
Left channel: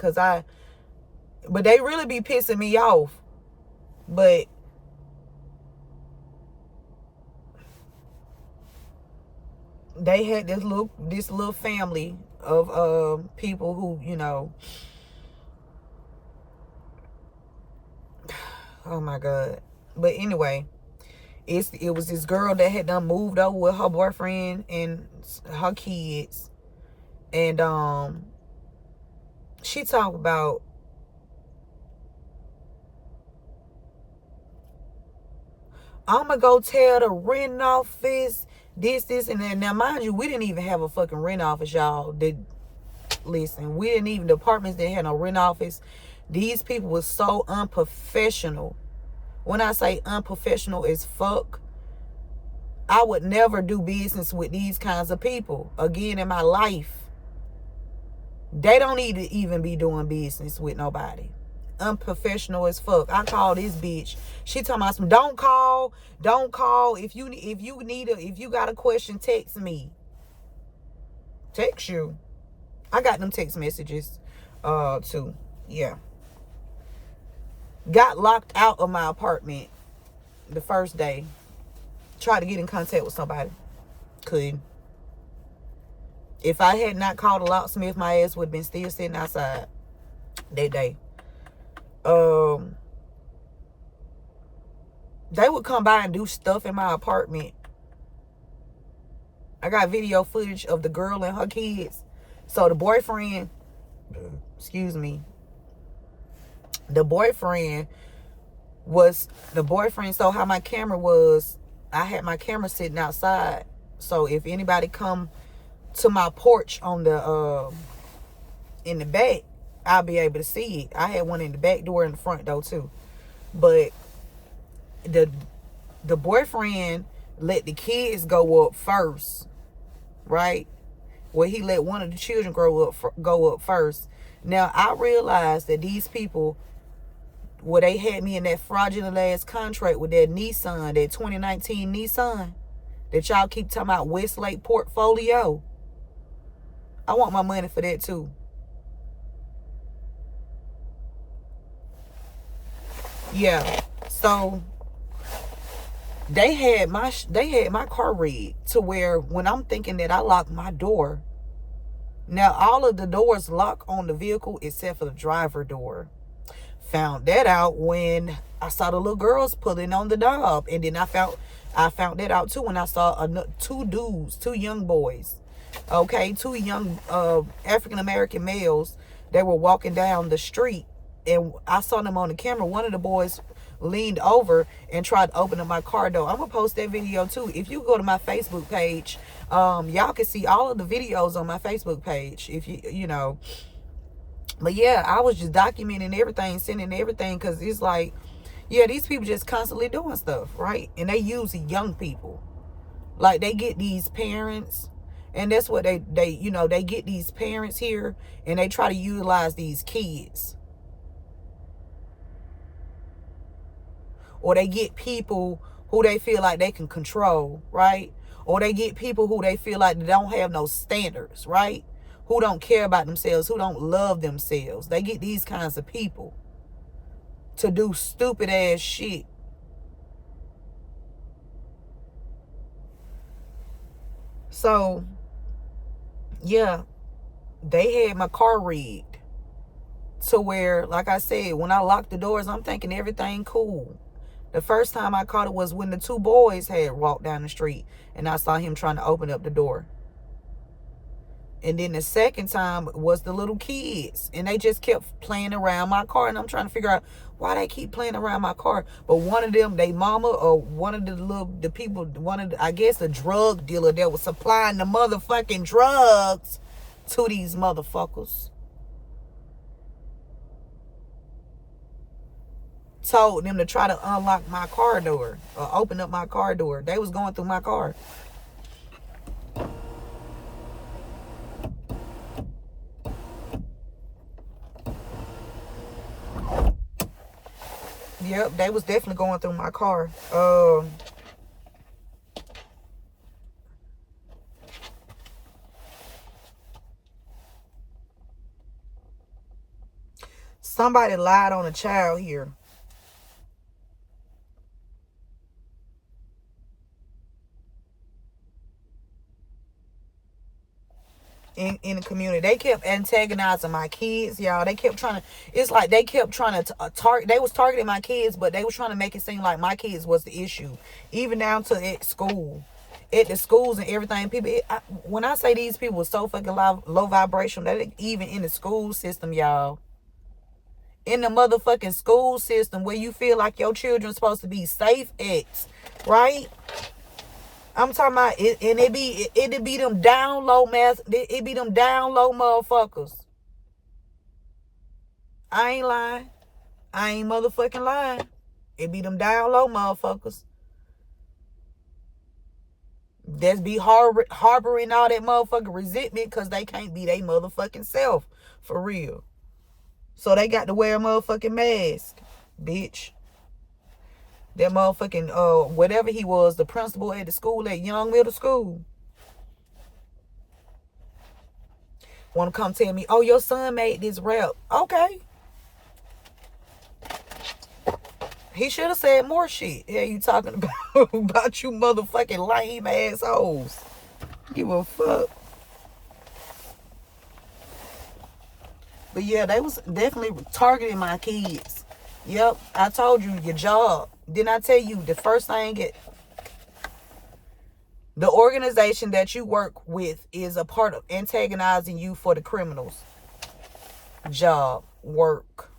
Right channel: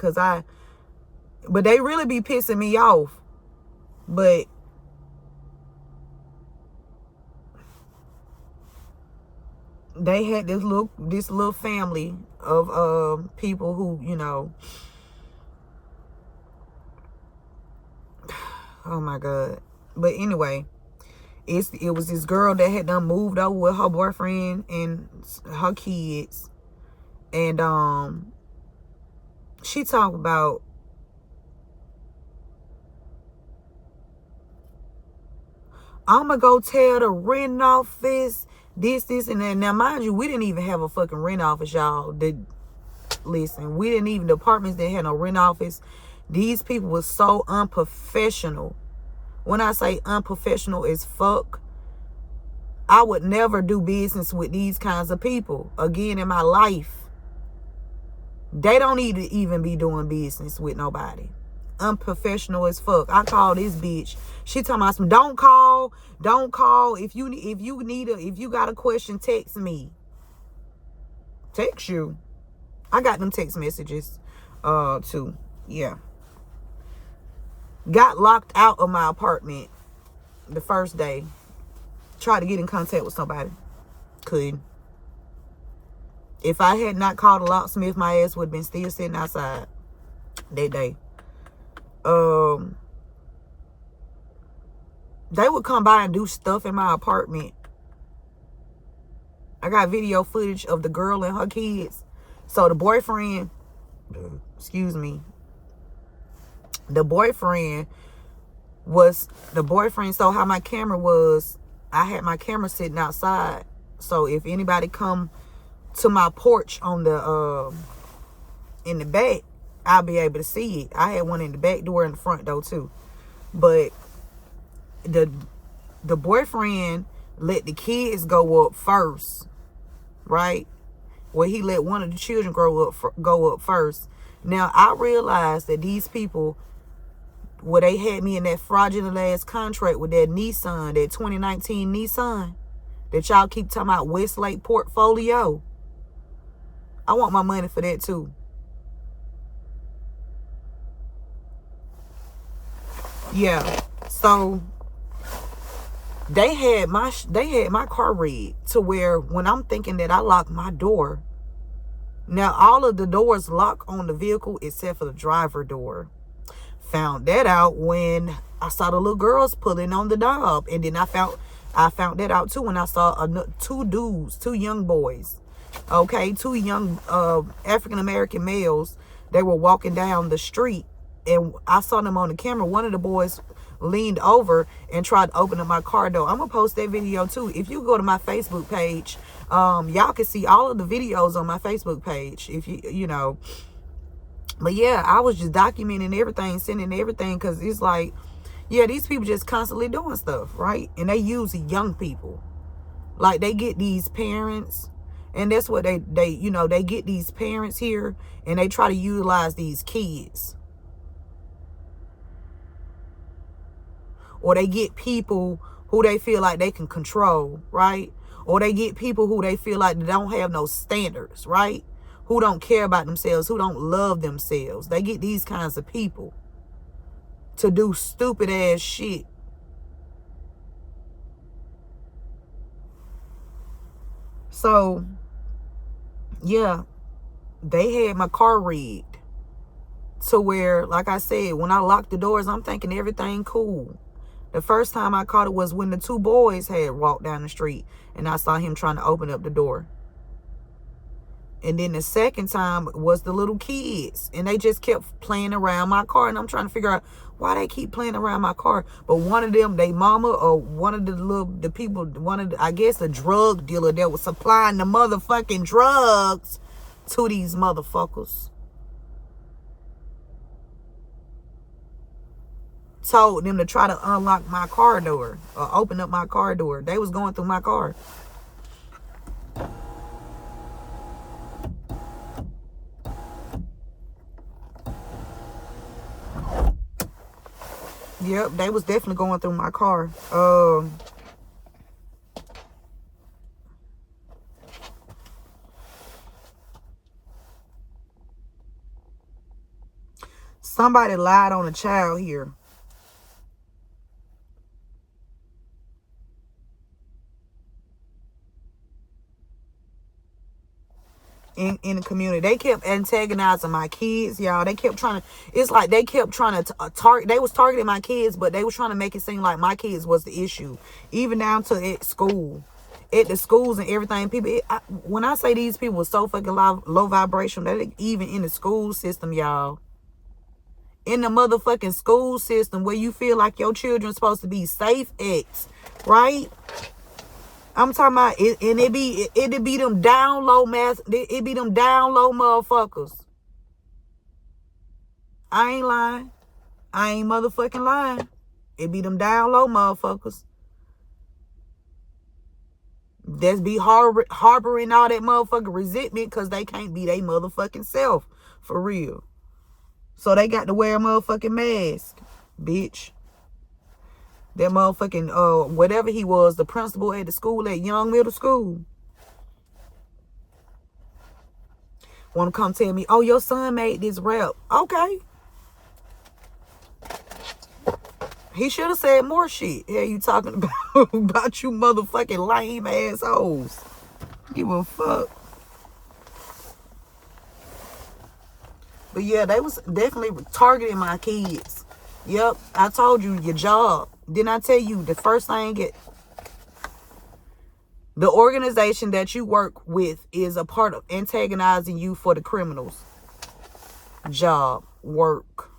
but they really be pissing me off. But they had this little family of people who, you know, oh my God. But anyway, it was this girl that had done moved over with her boyfriend and her kids. And she talked about, I'm gonna go tell the rent office this, and that. Now, mind you, we didn't even have a fucking rent office, y'all. Listen, we didn't even, the apartments that had no rent office. These people were so unprofessional. When I say unprofessional as fuck, I would never do business with these kinds of people again in my life. They don't need to even be doing business with nobody. Unprofessional as fuck. I call this bitch. She talking about some, don't call. If you got a question, text me. Text you. I got them text messages too. Yeah. Got locked out of my apartment the first day. Tried to get in contact with somebody. Couldn't. If I had not called a locksmith, my ass would have been still sitting outside that day. They would come by and do stuff in my apartment. I got video footage of the girl and her kids. So the boyfriend, so how my camera was, I had my camera sitting outside. So if anybody come to my porch on the in the back, I'll be able to see it. I had one in the back door and the front door too. But the boyfriend let the kids go up first, right? Well, he let one of the children go up first. Now, I realized that these people, well, they had me in that fraudulent ass contract with that Nissan, that 2019 Nissan, that y'all keep talking about Westlake portfolio. I want my money for that too. Yeah. So they had my car rigged to where when I'm thinking that I locked my door, now all of the doors lock on the vehicle except for the driver door. Found that out when I saw the little girls pulling on the knob, and then I found that out too when I saw two young boys, okay, two young African American males. They were walking down the street, and I saw them on the camera. One of the boys leaned over and tried to open up my car door. I'm gonna post that video too. If you go to my Facebook page, y'all can see all of the videos on my Facebook page. If you know, but yeah, I was just documenting everything, sending everything, because it's like, yeah, these people just constantly doing stuff, right? And they use young people. Like, they get these parents, and that's what they get these parents here, and they try to utilize these kids. Or they get people who they feel like they can control, right? Or they get people who they feel like they don't have no standards, right? Who don't care about themselves, who don't love themselves. They get these kinds of people to do stupid ass shit. So, yeah, they had my car rigged to where, like I said, when I locked the doors, I'm thinking everything cool. The first time I caught it was when the two boys had walked down the street and I saw him trying to open up the door. And then the second time was the little kids, and they just kept playing around my car, and I'm trying to figure out why they keep playing around my car. But one of them, they mama, or one of the people, I guess a drug dealer that was supplying the motherfucking drugs to these motherfuckers, told them to try to unlock my car door or open up my car door. They was going through my car. Yep, they was definitely going through my car. Somebody lied on a child here. in the community. They kept antagonizing my kids, y'all. They kept trying to, it's like they kept trying to target, they was targeting my kids, but they was trying to make it seem like my kids was the issue. Even down to at school. At the schools and everything. People, when I say these people were so fucking low vibration, that even in the school system, y'all. In the motherfucking school system where you feel like your children's supposed to be safe at, right? I'm talking about it, and it be them down low it be them down low motherfuckers. I ain't lying. I ain't motherfucking lying. It be them down low motherfuckers. That's be harboring all that motherfucking resentment because they can't be they motherfucking self. For real. So they got to wear a motherfucking mask. Bitch. That motherfucking, whatever he was, the principal at the school, at Young Middle School. Want to come tell me, oh, your son made this rap. Okay. He should have said more shit. Yeah, you talking about, about you motherfucking lame assholes. Give a fuck. But yeah, they was definitely targeting my kids. Yep, I told you, your job. Didn't I tell you the first thing the organization that you work with is a part of antagonizing you for the criminals. Job, work.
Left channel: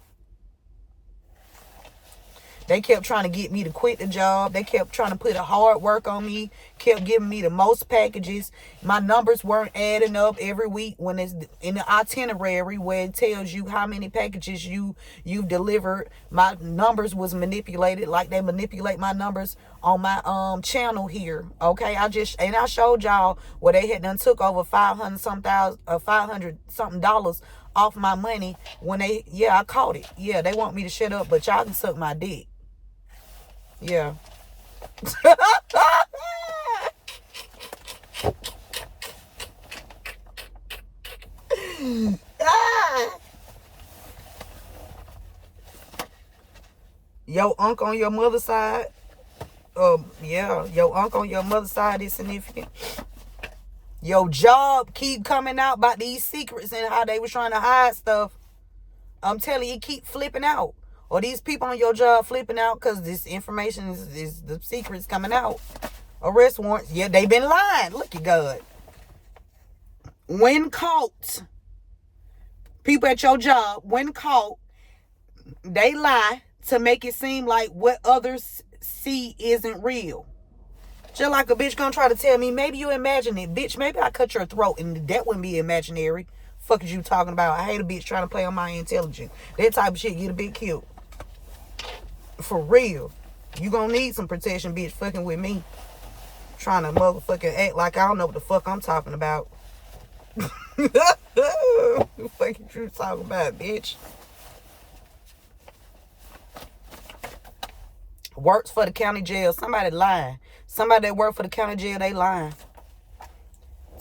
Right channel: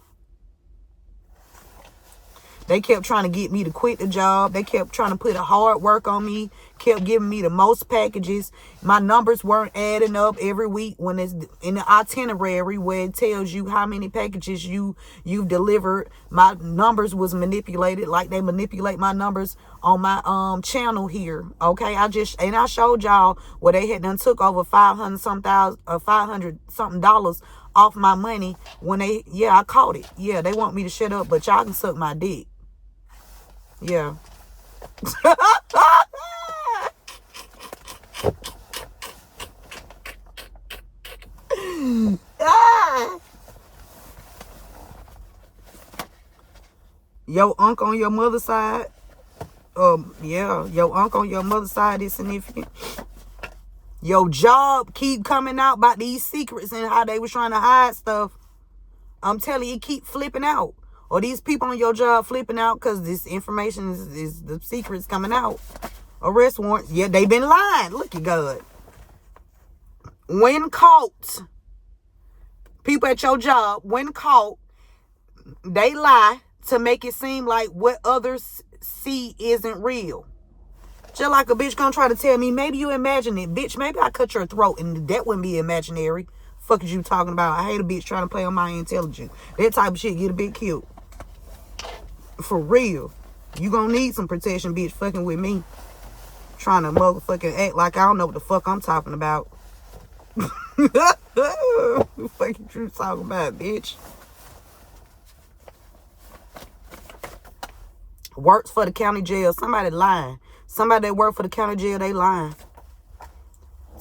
They kept trying to get me to quit the job. They kept trying to put a hard work on me. Kept giving me the most packages. My numbers weren't adding up every week when it's in the itinerary where it tells you how many packages you've delivered. My numbers was manipulated like they manipulate my numbers on my channel here. Okay, I showed y'all where they had done took over $500 something dollars off my money when I caught it. Yeah, they want me to shut up, but y'all can suck my dick. Yeah. Your uncle on your mother's side. Your uncle on your mother's side is significant. Your job keep coming out about these secrets and how they was trying to hide stuff. I'm telling you, keep flipping out. Or these people on your job flipping out because this information is the secrets coming out. Arrest warrants. Yeah, they been lying. Look at God. When caught, people at your job, when caught, they lie to make it seem like what others see isn't real. Just like a bitch gonna try to tell me, maybe you imagine it. Bitch, maybe I cut your throat and that wouldn't be imaginary. Fuck is you talking about? I hate a bitch trying to play on my intelligence. That type of shit get a bit cute. For real. You gonna need some protection, bitch, fucking with me. Trying to motherfucking act like I don't know what the fuck I'm talking about. Fucking you talking about, bitch. Works for the county jail. Somebody lying. Somebody that work for the county jail, they lying.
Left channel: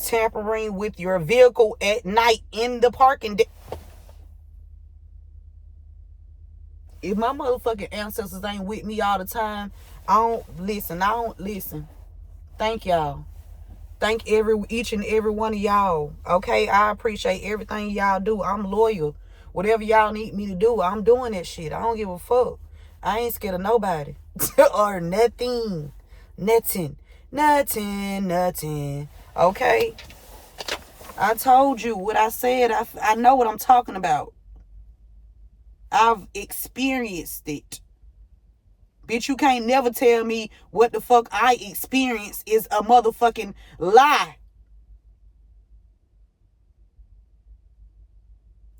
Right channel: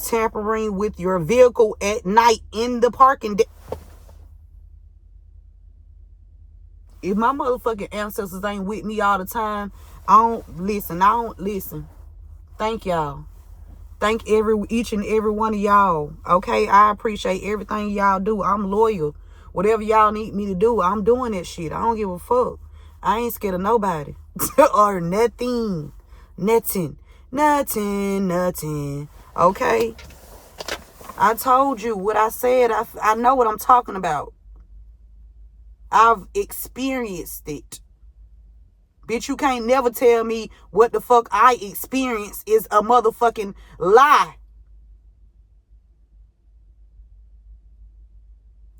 Tampering with your vehicle at night in the parking deck. If my motherfucking ancestors ain't with me all the time, I don't listen. Thank y'all. Thank each and every one of y'all. Okay, I appreciate everything y'all do. I'm loyal. Whatever y'all need me to do, I'm doing that shit. I don't give a fuck. I ain't scared of nobody. Or nothing. Nothing. Okay? I told you what I said. I know what I'm talking about. I've experienced it. Bitch, you can't never tell me what the fuck I experienced is a motherfucking lie.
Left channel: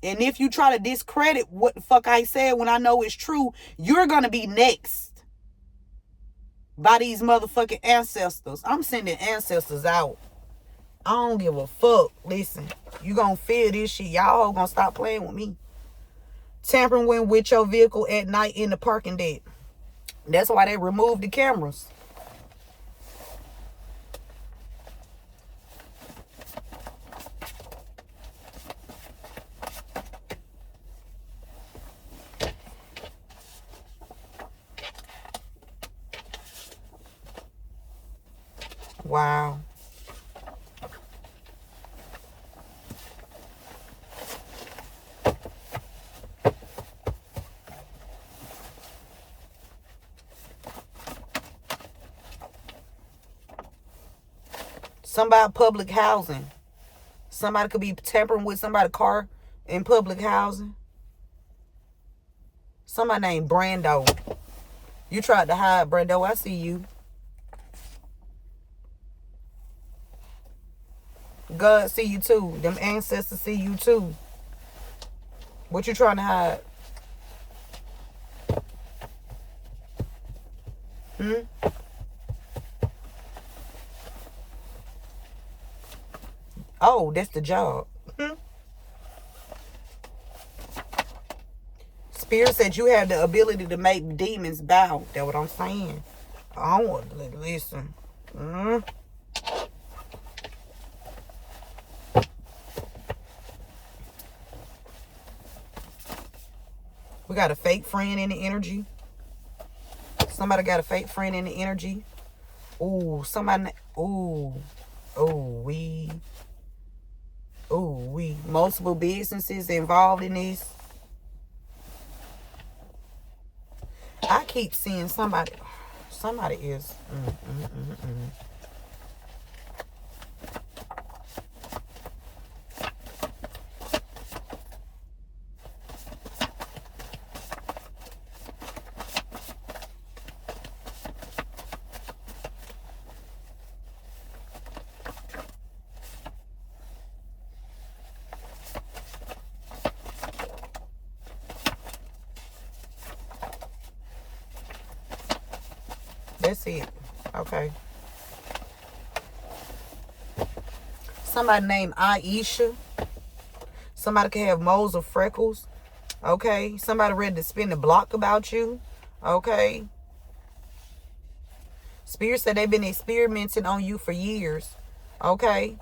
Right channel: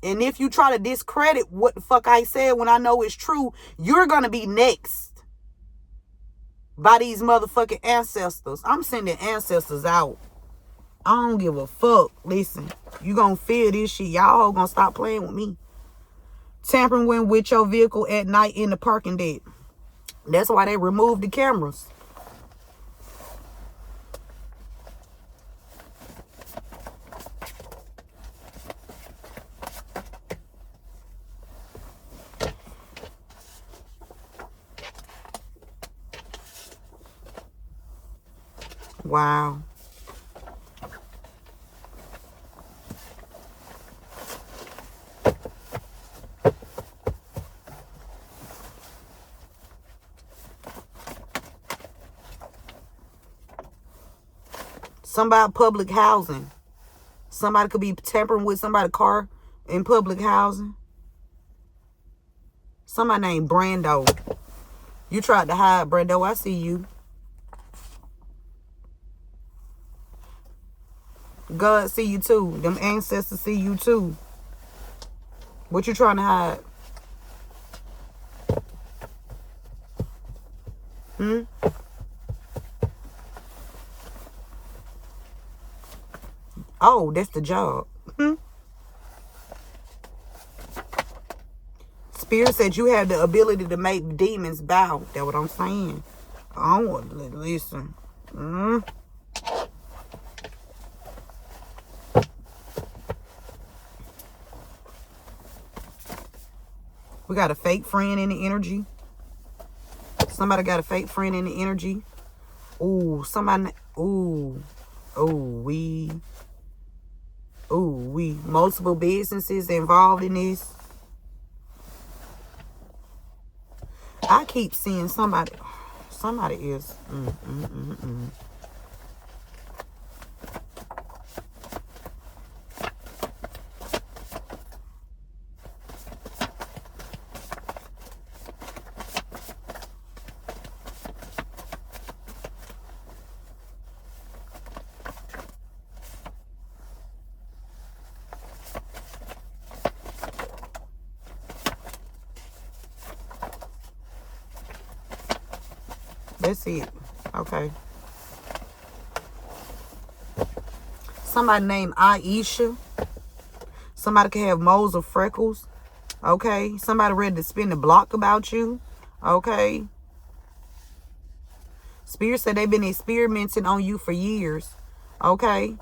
And if you try to discredit what the fuck I said when I know it's true, you're gonna be next by these motherfucking ancestors. I'm sending ancestors out. I don't give a fuck. Listen, you gonna feel this shit. Y'all gonna stop playing with me. Tampering with your vehicle at night in the parking deck. That's why they removed the cameras. Wow. Somebody public housing. Somebody could be tampering with somebody's car in public housing. Somebody named Brando. You tried to hide, Brando. I see you. God see you too. Them ancestors see you too. What you trying to hide? Oh, that's the job. Spirit said you have the ability to make demons bow. That's what I'm saying. I don't want to listen. We got a fake friend in the energy. Somebody got a fake friend in the energy. Ooh, somebody. Ooh. We. Multiple businesses involved in this. I keep seeing somebody. Somebody is. That's it. Okay. Somebody named Aisha. Somebody can have moles or freckles. Okay. Somebody ready to spin the block about you. Okay. Spirit said they've been experimenting on you for years. Okay.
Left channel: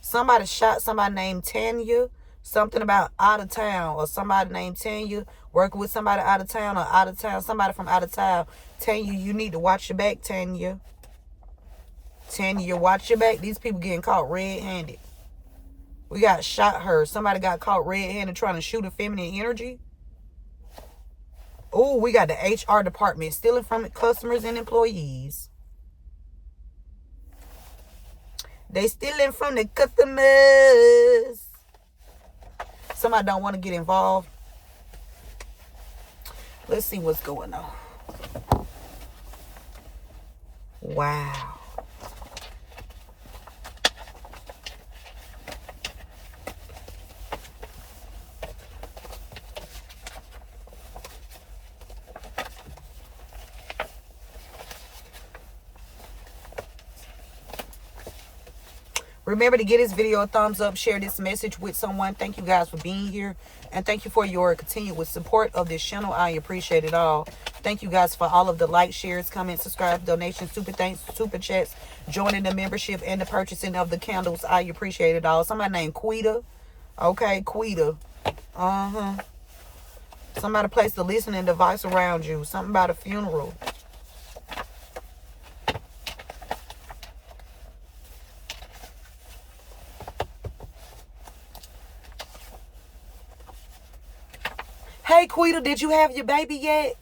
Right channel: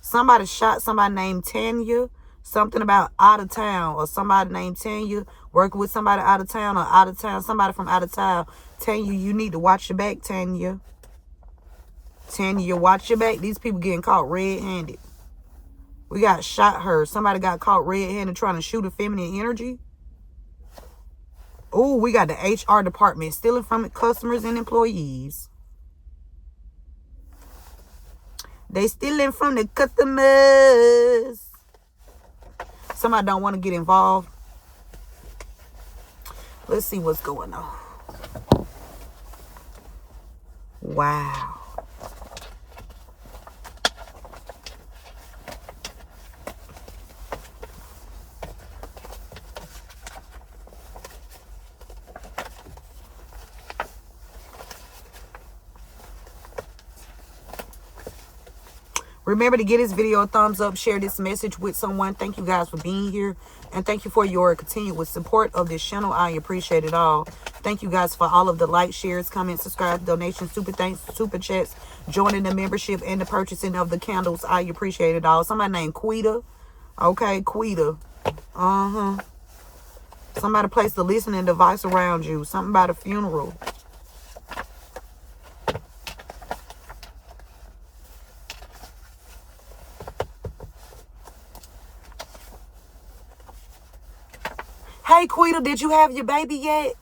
Somebody shot somebody named Tanya. Something about out of town, or somebody named Tanya working with somebody out of town, or out of town, somebody from out of town. Tanya, you need to watch your back, Tanya. Tanya, watch your back. These people getting caught red-handed. We got shot her. Somebody got caught red-handed trying to shoot a feminine energy. Oh, we got the HR department stealing from customers and employees. They stealing from the customers. Somebody don't want to get involved. Let's see what's going on. Wow. Remember to give this video a thumbs up, share this message with someone. Thank you guys for being here. And thank you for your continuous support of this channel. I appreciate it all. Thank you guys for all of the likes, shares, comments, subscribe, donations, super thanks, super chats, joining the membership, and the purchasing of the candles. I appreciate it all. Somebody named Quita. Okay, Quita. Somebody placed a listening device around you. Something about a funeral. Hey, Quita, did you have your baby yet?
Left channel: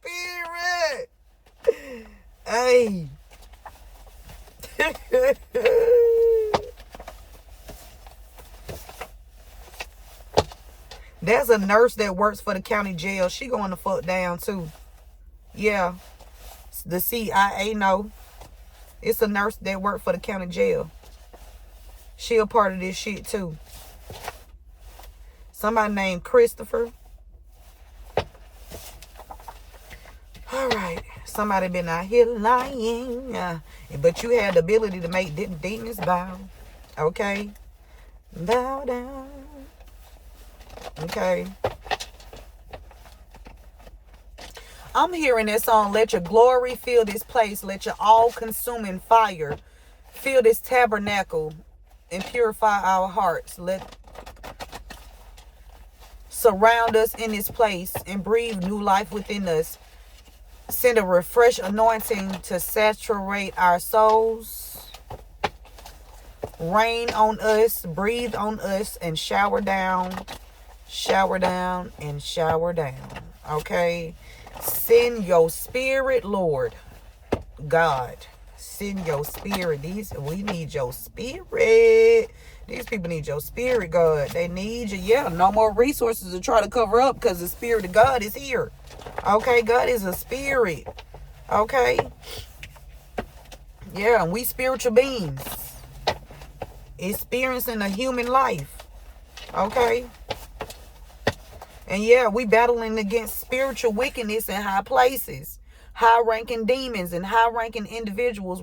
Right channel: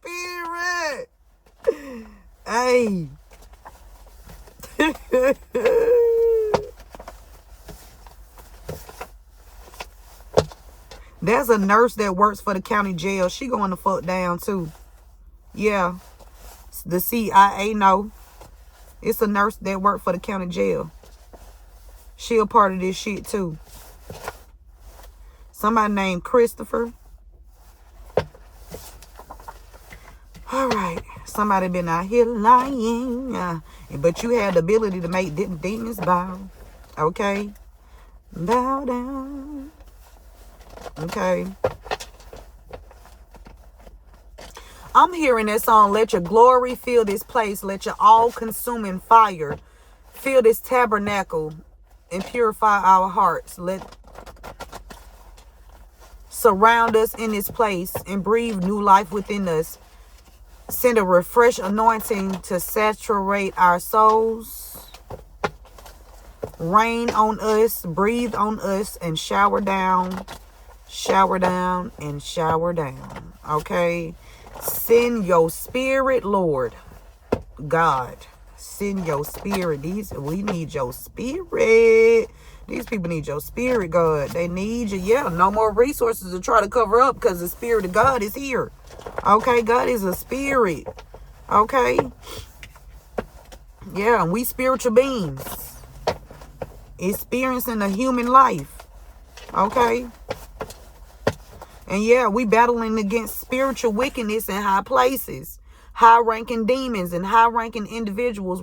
Spirit. Hey. There's a nurse that works for the county jail. She going to fuck down too. Yeah. The CIA, no. It's a nurse that worked for the county jail. She a part of this shit too. Somebody named Christopher. All right. Somebody been out here lying. But you had the ability to make demons bow. Okay. Bow down. Okay. I'm hearing that song, let your glory fill this place. Let your all-consuming fire fill this tabernacle and purify our hearts. Let surround us in this place and breathe new life within us. Send a refresh anointing to saturate our souls. Rain on us, breathe on us, and shower down Shower down and shower down. Okay? Send your spirit, Lord God. Send your spirit. We need your spirit. These people need your spirit, God. They need you. Yeah, no more resources to try to cover up because the spirit of God is here. Okay, God is a spirit. Okay? Yeah, and we spiritual beings experiencing a human life. Okay? And yeah, we battling against spiritual wickedness in high places. High-ranking demons and high-ranking individuals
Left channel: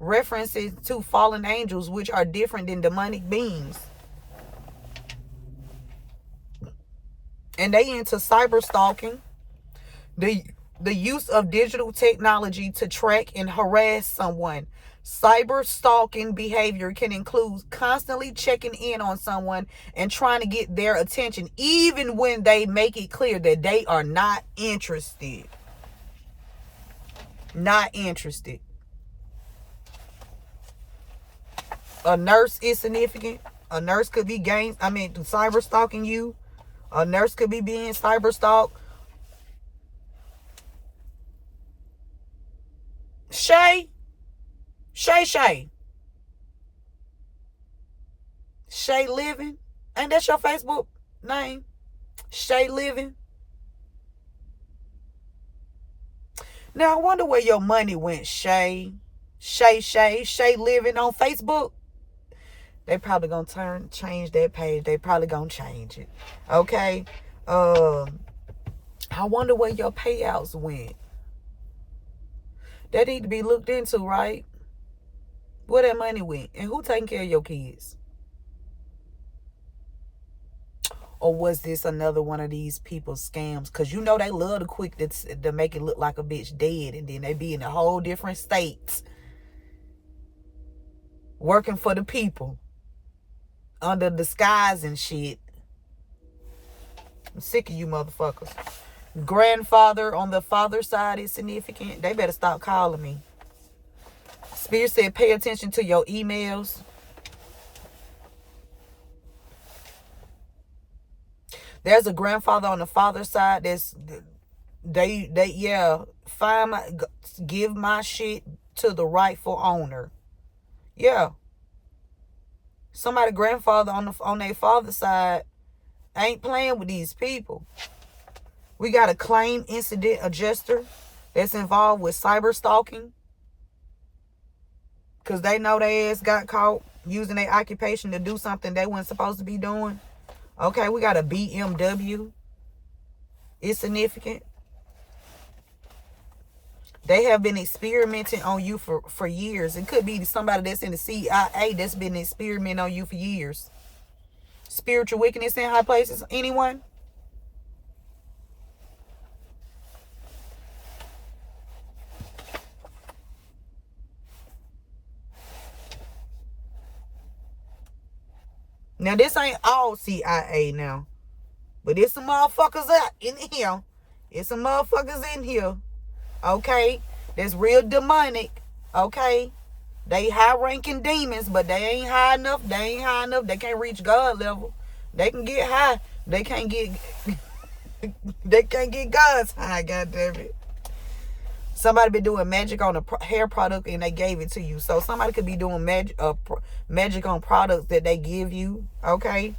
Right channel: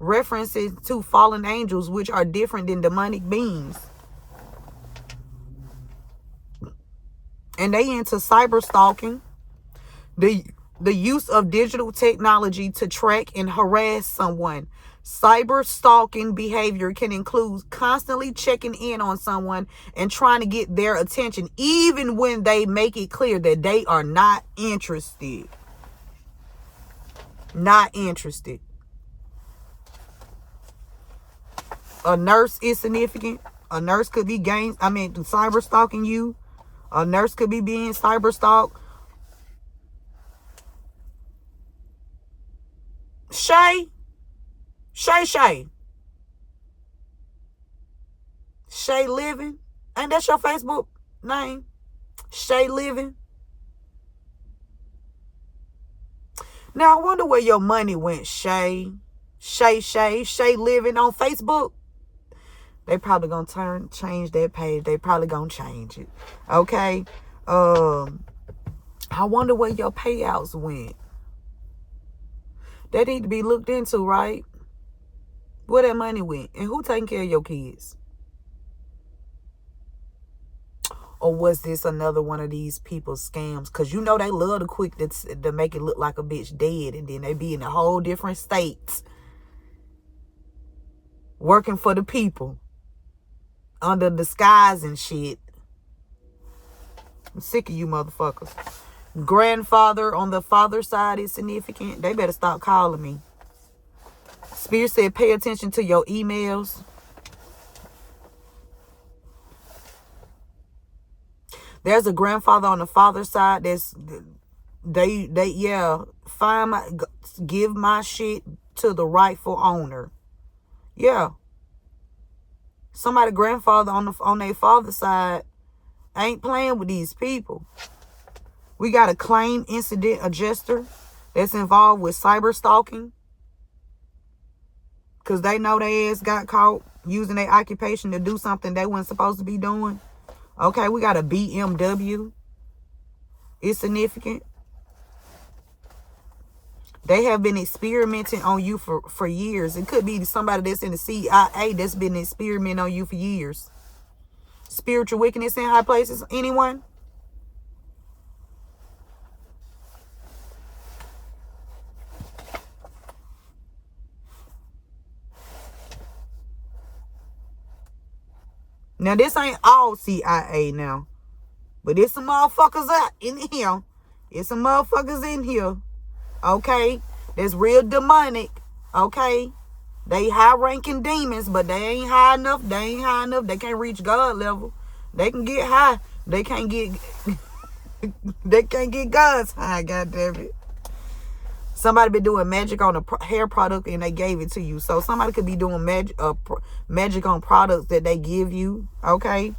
references to fallen angels, which are different than demonic beings. And they into cyber stalking. The use of digital technology to track and harass someone. Cyber stalking behavior can include constantly checking in on someone and trying to get their attention, even when they make it clear that they are not interested. Not interested. A nurse is significant. A nurse could be cyber stalking you. A nurse could be being cyber stalked. Shay Living. Ain't that your Facebook name? Shay Living. Now I wonder where your money went, Shay Living on Facebook. They probably gonna change that page. They probably gonna change it. Okay. I wonder where your payouts went. That need to be looked into, right? Where that money went and who taking care of your kids? Or was this another one of these people's scams? Because you know they love to quick to make it look like a bitch dead. And then they be in a whole different states. Working for the people. Under disguise and shit. I'm sick of you motherfuckers. Grandfather on the father's side is significant. They better stop calling me. Spirit said pay attention to your emails. There's a grandfather on the father's side that's give my shit to the rightful owner. Yeah. Somebody grandfather on their father's side ain't playing with these people. We got a claim incident adjuster that's involved with cyber stalking. Because they know their ass got caught using their occupation to do something they weren't supposed to be doing. Okay, we got a BMW. It's significant. They have been experimenting on you for years. It could be somebody that's in the CIA that's been experimenting on you for years. Spiritual wickedness in high places. Anyone? Now, this ain't all CIA now. But there's some motherfuckers out in here. There's some motherfuckers in here. Okay? That's real demonic. Okay? They high-ranking demons, but they ain't high enough. They ain't high enough. They can't reach God level. They can get high. They can't get... they can't get God's high, goddammit. Somebody been doing magic on a hair product and they gave it to you. So somebody could be doing magic on products that they give you. Okay?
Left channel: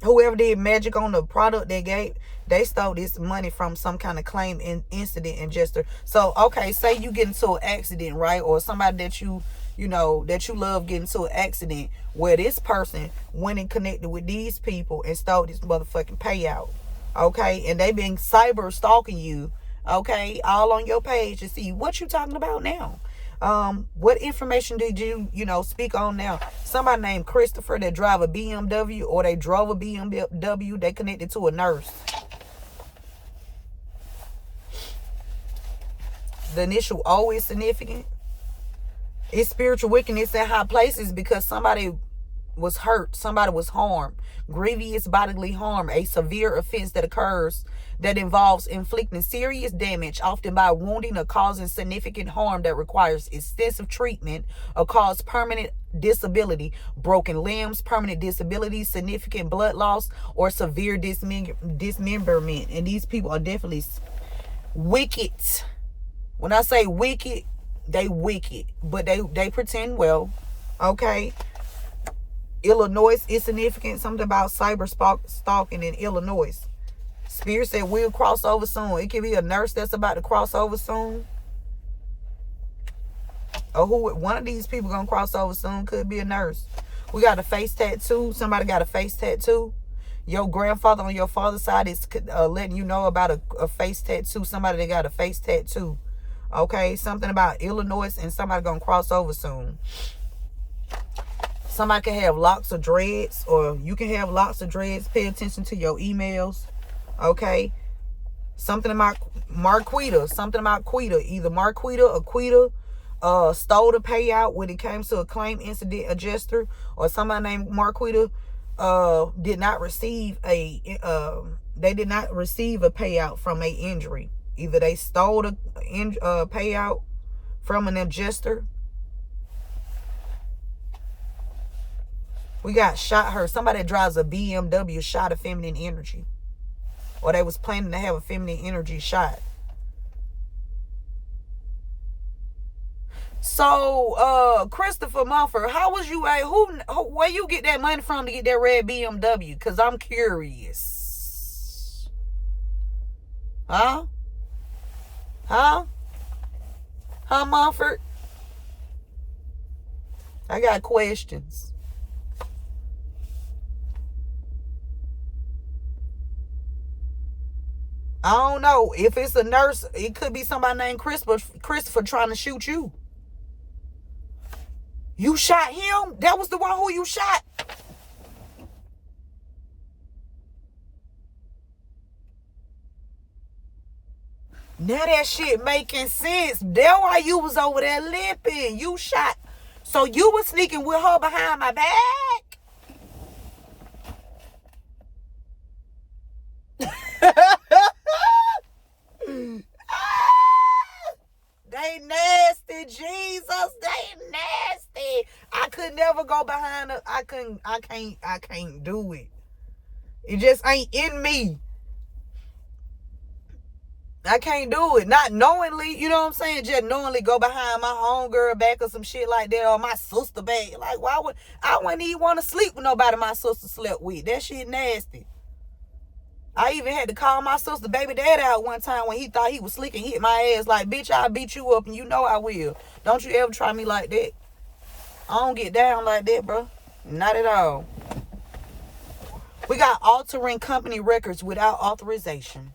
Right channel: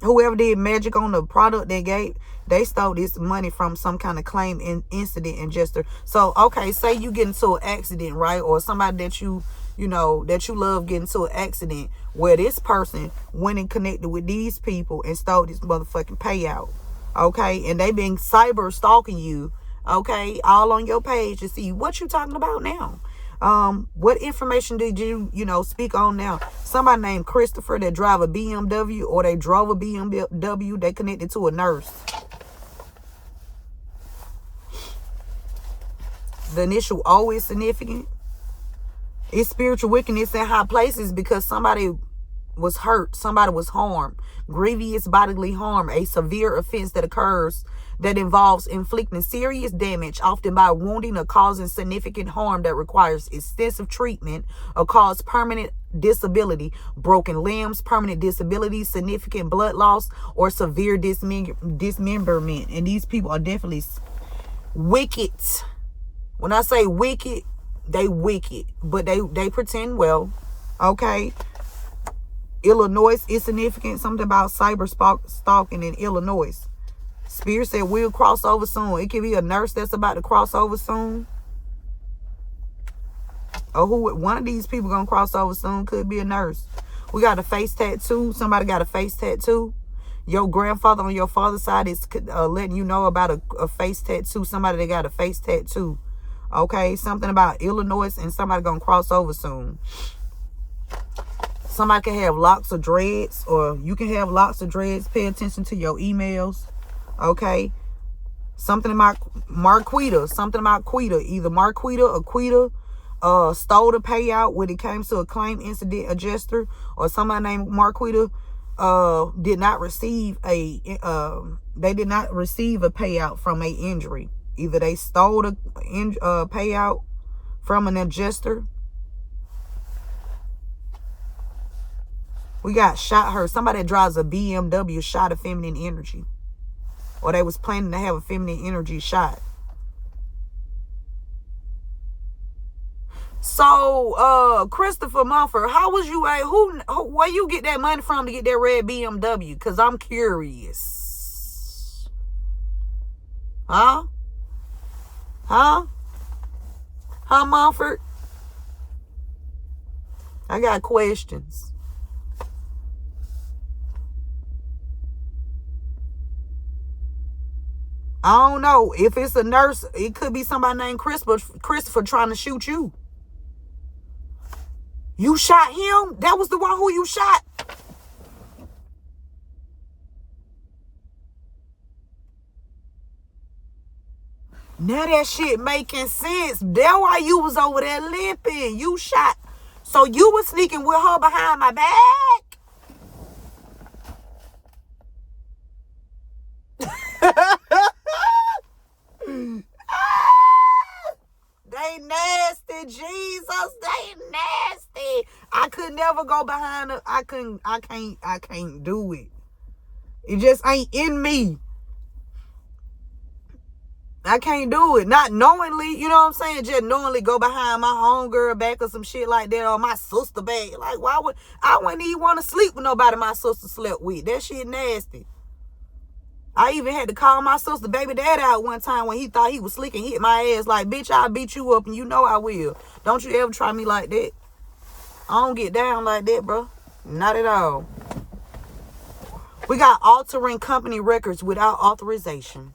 Whoever did magic on the product they stole this money from some kind of claim incident adjuster. So, okay, say you get into an accident, right? Or somebody that you love getting into an accident where this person went and connected with these people and stole this motherfucking payout. Okay? And they been cyber stalking you. Okay, all on your page to see what you talking about now. What information did you speak on now? Somebody named Christopher that drive a BMW, or they drove a BMW, they connected to a nurse. The initial O is significant. It's spiritual wickedness in high places because somebody was hurt. Somebody was harmed. Grievous bodily harm, a severe offense that occurs that involves inflicting serious damage, often by wounding or causing significant harm that requires extensive treatment or cause permanent disability, broken limbs, permanent disability, significant blood loss, or severe dismemberment. And these people are definitely wicked. When I say wicked, they wicked, but they pretend well. Okay. Illinois is significant. Something about cyber stalking in Illinois. Spirit said we'll cross over soon. It could be a nurse that's about to cross over soon. Or one of these people gonna cross over soon. Could be a nurse. We got a face tattoo. Somebody got a face tattoo. Your grandfather on your father's side is letting you know about a face tattoo. Somebody that got a face tattoo. Okay, something about Illinois and somebody gonna cross over soon. Somebody can have locks of dreads, or you can have locks of dreads. Pay attention to your emails. Okay. Something about Marquita. Something about Quita. Either Marquita or Quita stole the payout when it came to a claim incident adjuster, or somebody named Marquita did not receive a payout from a injury. Either they stole the payout from an adjuster. We got shot her. Somebody that drives a BMW shot of feminine energy. Or they was planning to have a feminine energy shot. So, Christopher Mumford, how was you where you get that money from to get that red BMW? Because I'm curious. Huh? Huh, Mumford? I got questions. I don't know. If it's a nurse, it could be somebody named Christopher trying to shoot you. You shot him? That was the one who you shot? Now that shit making sense. That's why you was over there limping. You shot. So you was sneaking with her behind my back? They nasty, Jesus. They nasty. I could never go behind her. I can't do it. It just ain't in me. I can't do it. Not knowingly, you know what I'm saying? Just knowingly go behind my homegirl back or some shit like that, or my sister back. Like, I wouldn't even want to sleep with nobody my sister slept with. That shit nasty. I even had to call my sister baby dad out one time when he thought he was slick and hit my ass. Like, bitch, I'll beat you up and you know I will. Don't you ever try me like that. I don't get down like that, bro. Not at all. We got altering company records without authorization.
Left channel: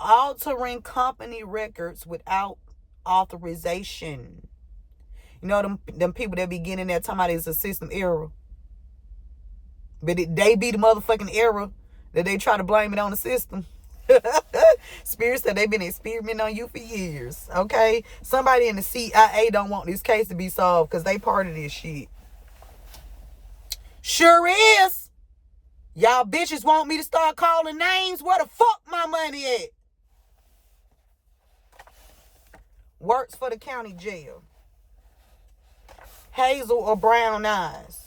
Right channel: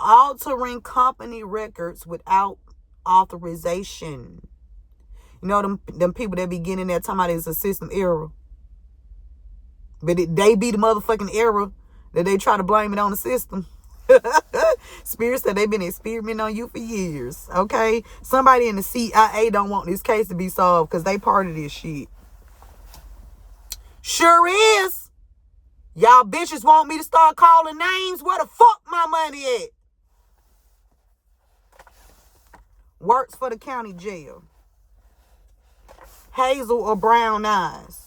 Altering company records without authorization. You know them people that be getting there talking about it's a system error. But they be the motherfucking error that they try to blame it on the system. Spirit said they've been experimenting on you for years. Okay? Somebody in the CIA don't want this case to be solved because they part of this shit. Sure is. Y'all bitches want me to start calling names? Where the fuck my money at? Works for the county jail. Hazel or brown eyes.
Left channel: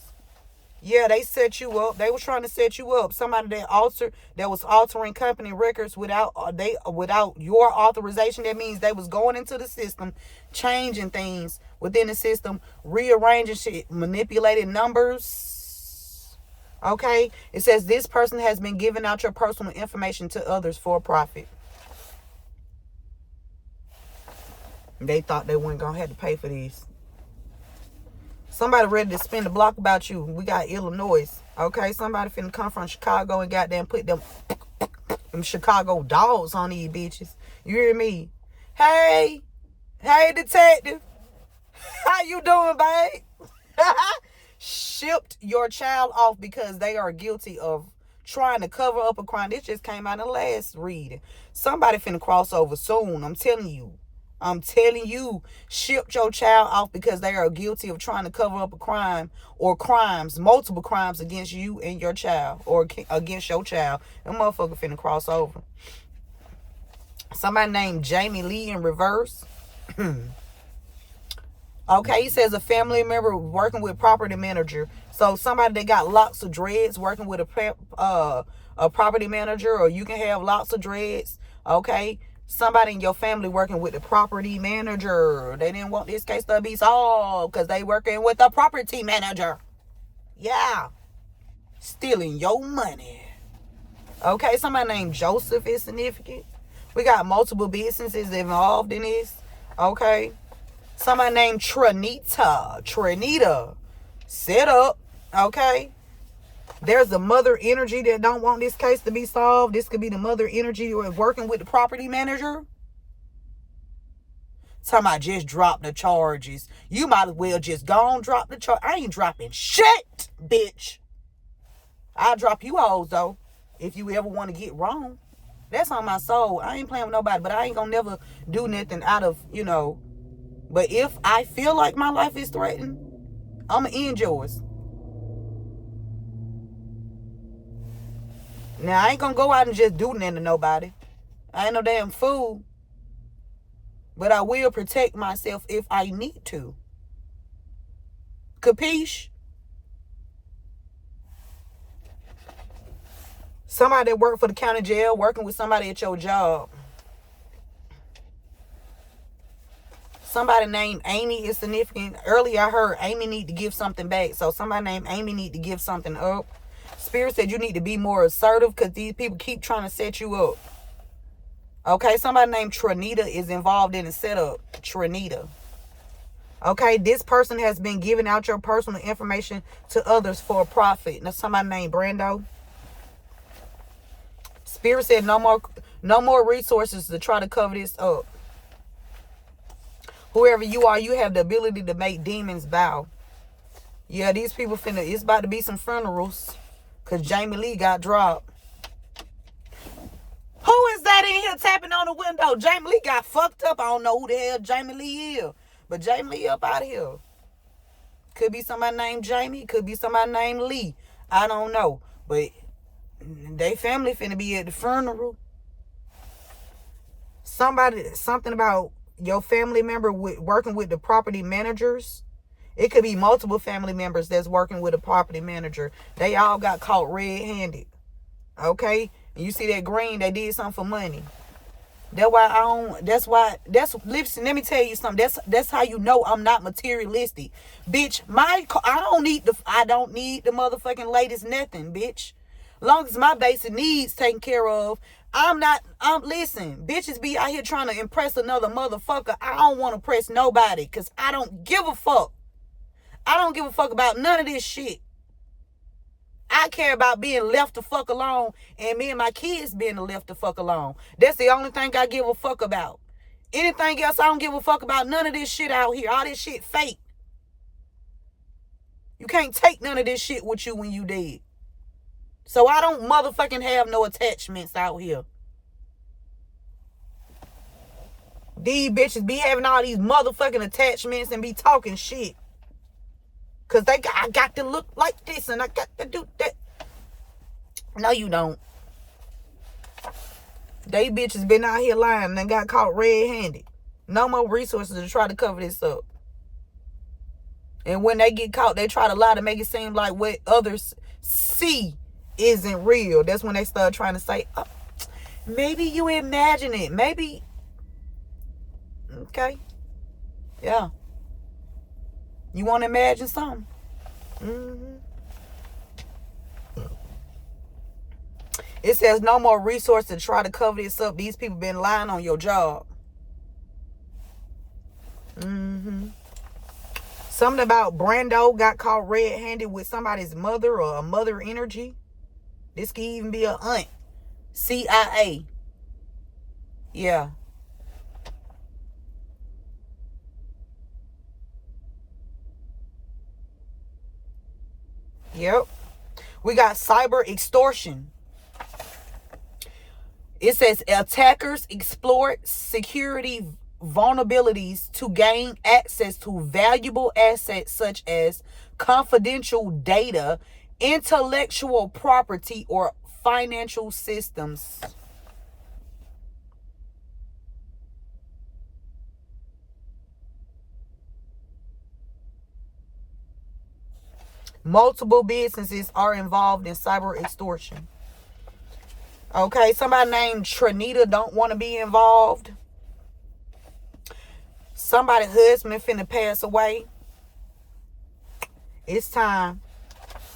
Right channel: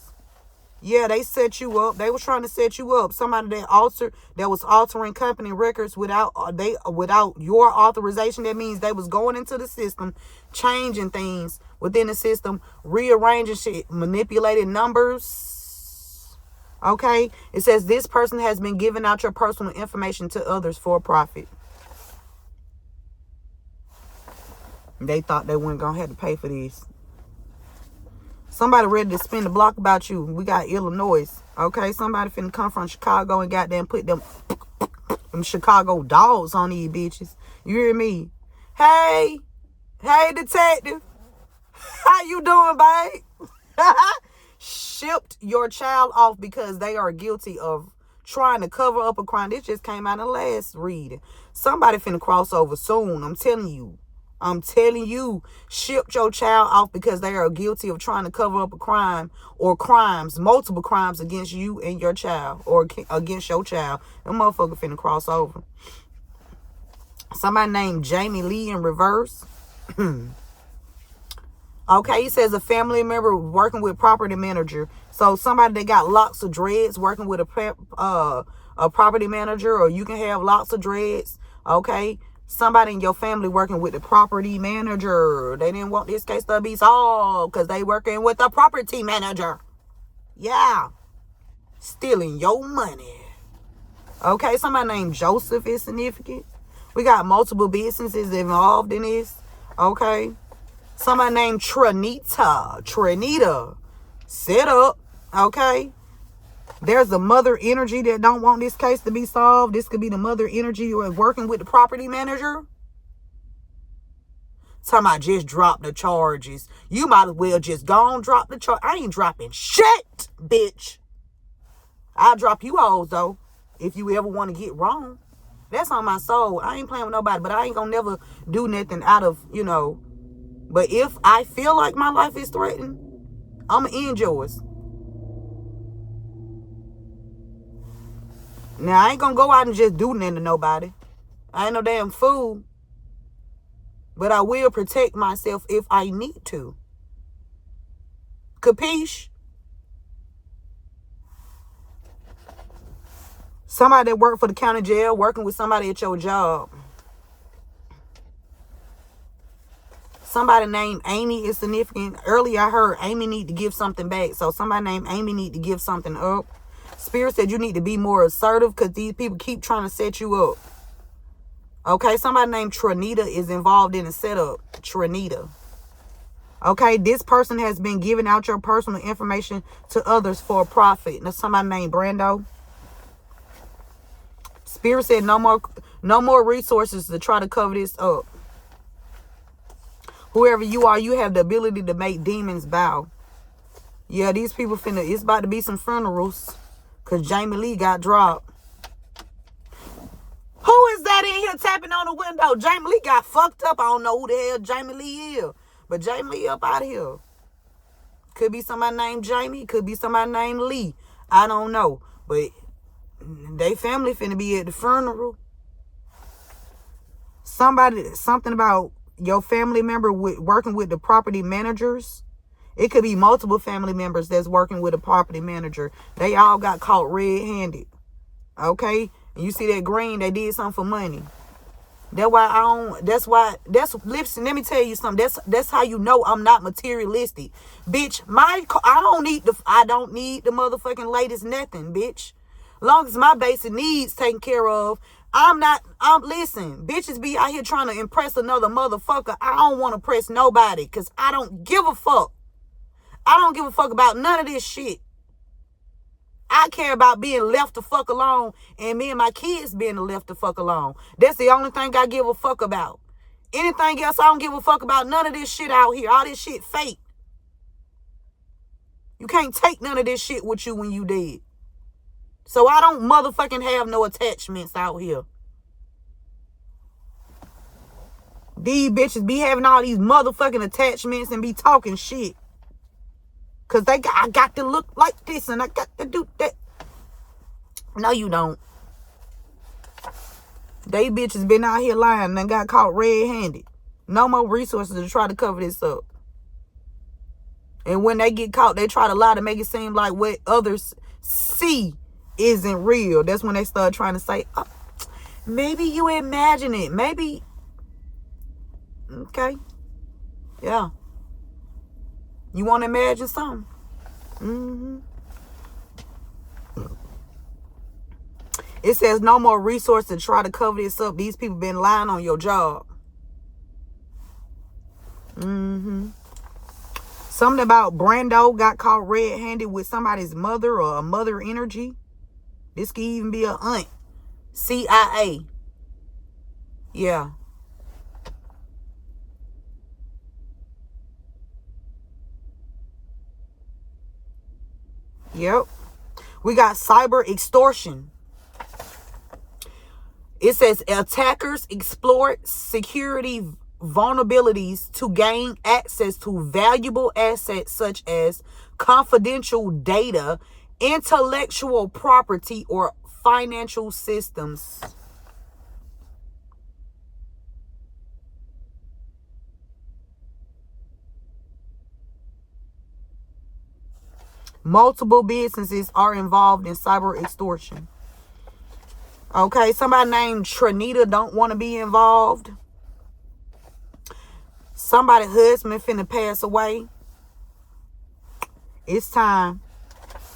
Yeah, they set you up. They was trying to set you up. Somebody that was altering company records without your authorization. That means they was going into the system, changing things within the system, rearranging shit, manipulating numbers. Okay? It says this person has been giving out your personal information to others for profit. They thought they weren't going to have to pay for this. Somebody ready to spin the block about you. We got Illinois. Okay, somebody finna come from Chicago and goddamn put them Chicago dogs on these bitches. You hear me? Hey detective. How you doing, babe? Shipped your child off because they are guilty of trying to cover up a crime. This just came out in the last reading. Somebody finna cross over soon. I'm telling you. I'm telling you, ship your child off because they are guilty of trying to cover up a crime or crimes, multiple crimes against you and your child or against your child. That motherfucker finna cross over. Somebody named Jamie Lee in reverse. Okay, he says a family member working with property manager. So somebody that got locks of dreads working with a property manager, or you can have lots of dreads. Okay, somebody in your family working with the property manager. They didn't want this case to be solved because they working with the property manager. Yeah, stealing your money. Okay, somebody named Joseph is significant. We got multiple businesses involved in this. Okay. Somebody named Trinita. Set up. Okay. There's a mother energy that don't want this case to be solved. This could be the mother energy working with the property manager. Talking about just drop the charges. You might as well just go and drop the charge. I ain't dropping shit, bitch. I'll drop you hoes, though, if you ever want to get wrong. That's on my soul. I ain't playing with nobody, but I ain't gonna never do nothing out of, But if I feel like my life is threatened, I'm going to end yours. Now, I ain't going to go out and just do nothing to nobody. I ain't no damn fool. But I will protect myself if I need to. Capiche? Somebody that worked for the county jail working with somebody at your job. Somebody named Amy is significant. Earlier I heard Amy need to give something back. So somebody named Amy need to give something up. Spirit said you need to be more assertive because these people keep trying to set you up. Okay, somebody named Trinita is involved in a setup. Trinita. Okay, this person has been giving out your personal information to others for a profit. Now somebody named Brando. Spirit said no more resources to try to cover this up. Whoever you are, you have the ability to make demons bow. Yeah, these people it's about to be some funerals. Because Jamie Lee got dropped. Who is that in here tapping on the window? Jamie Lee got fucked up. I don't know who the hell Jamie Lee is. But Jamie Lee up out of here. Could be somebody named Jamie. Could be somebody named Lee. I don't know. But they family finna be at the funeral. Something about your family member working with the property managers. It could be multiple family members that's working with a property manager. They all got caught red-handed. Okay? And you see that green, they did something for money. Listen, let me tell you something. That's how you know I'm not materialistic. Bitch, I don't need the motherfucking latest nothing, bitch. Long as my basic needs taken care of, listen, bitches be out here trying to impress another motherfucker. I don't want to press nobody because I don't give a fuck. I don't give a fuck about none of this shit. I care about being left the fuck alone and me and my kids being left the fuck alone. That's the only thing I give a fuck about. Anything else, I don't give a fuck about. None of this shit out here. All this shit fake. You can't take none of this shit with you when you dead. So I don't motherfucking have no attachments out here. These bitches be having all these motherfucking attachments and be talking shit. Because I got to look like this and I got to do that. No, you don't. They bitches been out here lying and got caught red-handed. No more resources to try to cover this up. And when they get caught, they try to lie to make it seem like what others see isn't real. That's when they start trying to say, oh, maybe you imagine it. Maybe. Okay. Yeah. You want to imagine something? Mm-hmm. It says no more resources to try to cover this up. These people been lying on your job. Mm-hmm. Something about Brando got caught red-handed with somebody's mother or a mother energy. This could even be an aunt. CIA. Yeah. Yep. We got cyber extortion. It says attackers exploit security vulnerabilities to gain access to valuable assets such as confidential data, intellectual property, or financial systems. Multiple businesses are involved in cyber extortion. Okay, somebody named Trinita don't want to be involved. Somebody's husband finna pass away. It's time.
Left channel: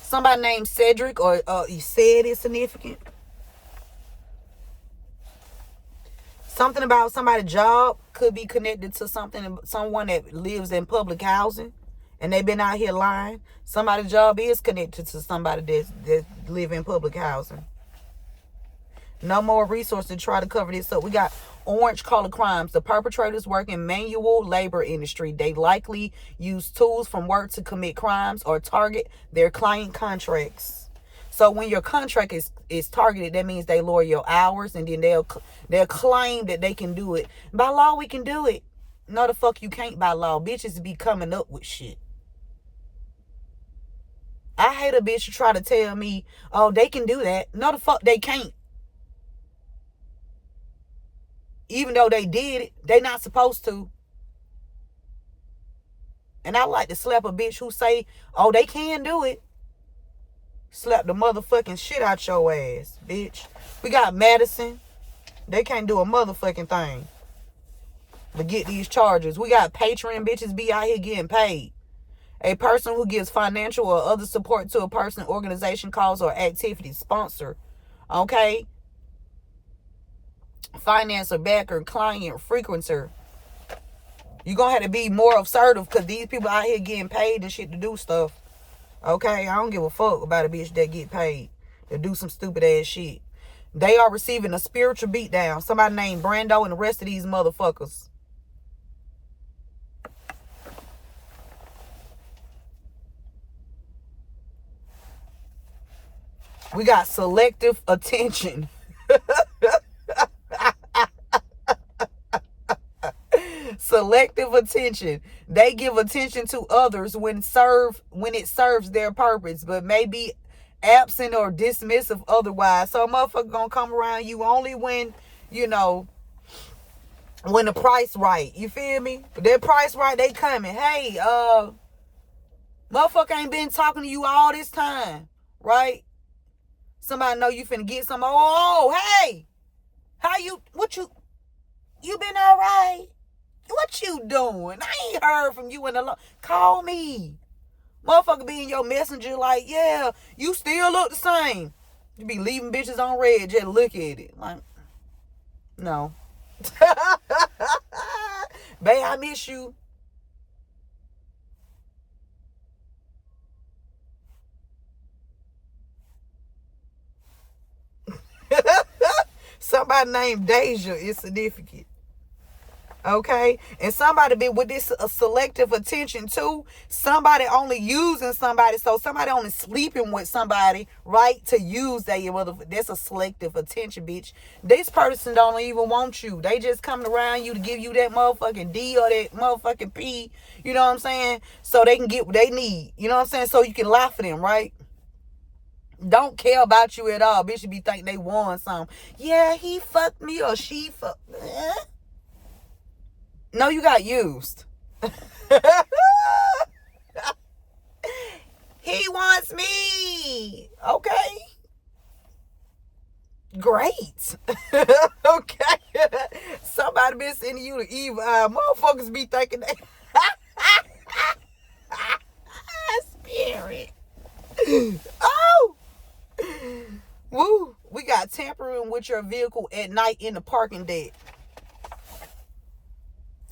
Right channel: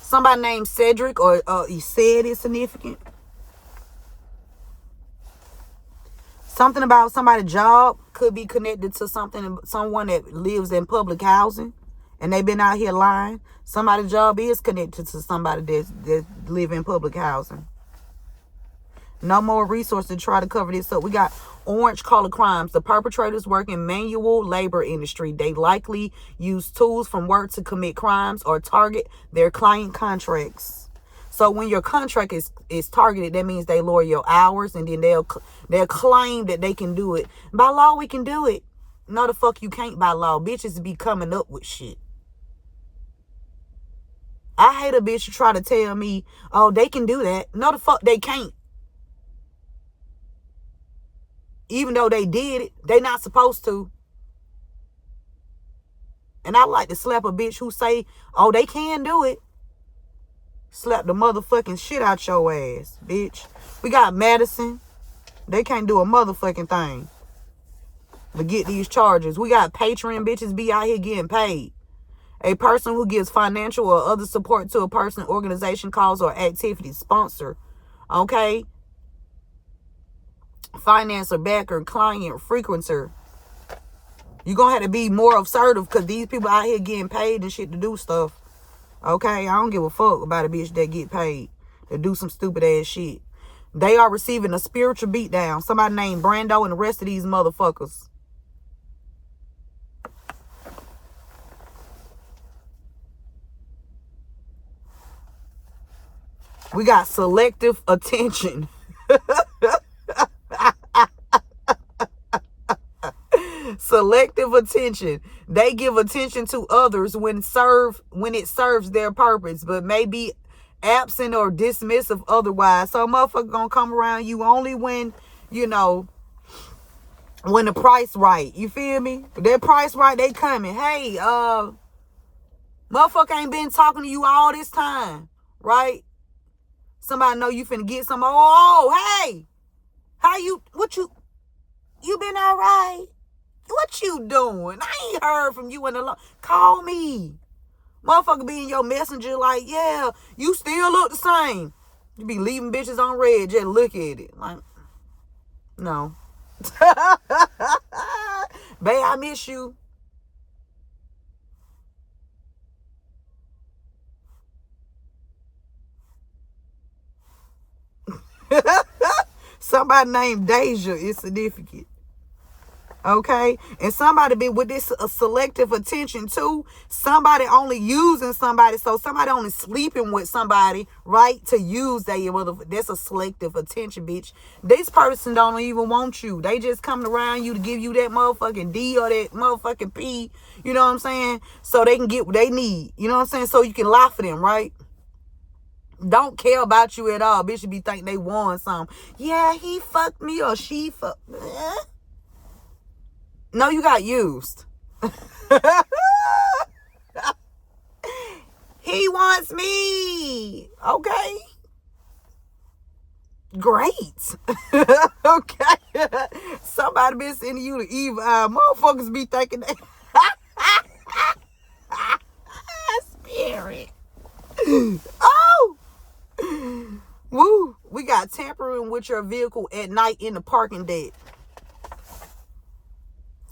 Somebody named Cedric, or he said it's significant. Something about somebody's job could be connected to someone that lives in public housing, and they've been out here lying. Somebody's job is connected to somebody that live in public housing. No more resources to try to cover this up. We got orange collar crimes. The perpetrators work in manual labor industry. They likely use tools from work to commit crimes or target their client contracts. So when your contract is targeted, that means they lower your hours, and then they'll claim that they can do it. By law, we can do it. No, the fuck you can't by law. Bitches be coming up with shit. I hate a bitch to try to tell me, oh, they can do that. No, the fuck they can't. Even though they did it, they not supposed to. And I like to slap a bitch who say, oh, they can do it. Slap the motherfucking shit out your ass, bitch. We got Madison. They can't do a motherfucking thing to get these charges. We got Patreon bitches be out here getting paid. A person who gives financial or other support to a person, organization, cause, or activity. Sponsor. Okay? Financer, backer, client, frequencer. You're going to have to be more assertive, because these people out here getting paid and shit to do stuff. Okay? I don't give a fuck about a bitch that get paid to do some stupid ass shit. They are receiving a spiritual beatdown. Somebody named Brando and the rest of these motherfuckers. We got selective attention. Selective attention. They give attention to others when it serves their purpose, but may be absent or dismissive otherwise. So a motherfucker gonna come around you only when, when the price right. You feel me? If that price right, they coming. Hey, motherfucker ain't been talking to you all this time, right? Somebody know you finna get some. Oh, hey, you been all right? What you doing? I ain't heard from you in a long. Call me. Motherfucker be in your messenger like, yeah, you still look the same. You be leaving bitches on red, just look at it. Like, no. Babe, I miss you. Somebody named Deja is significant. Okay? And somebody be with this selective attention too. Somebody only using somebody. So somebody only sleeping with somebody, right? To use that's a selective attention, bitch. This person don't even want you. They just coming around you to give you that motherfucking D or that motherfucking P. You know what I'm saying? So they can get what they need. You know what I'm saying? So you can lie for them, right? Don't care about you at all. Bitch, you be thinking they won something. Yeah, he fucked me or she fucked me. No, you got used. He wants me. Okay. Great. Okay. Somebody been sending you the evil eye. Motherfuckers be thinking they spirit. Oh. Woo. We got tampering with your vehicle at night in the parking deck.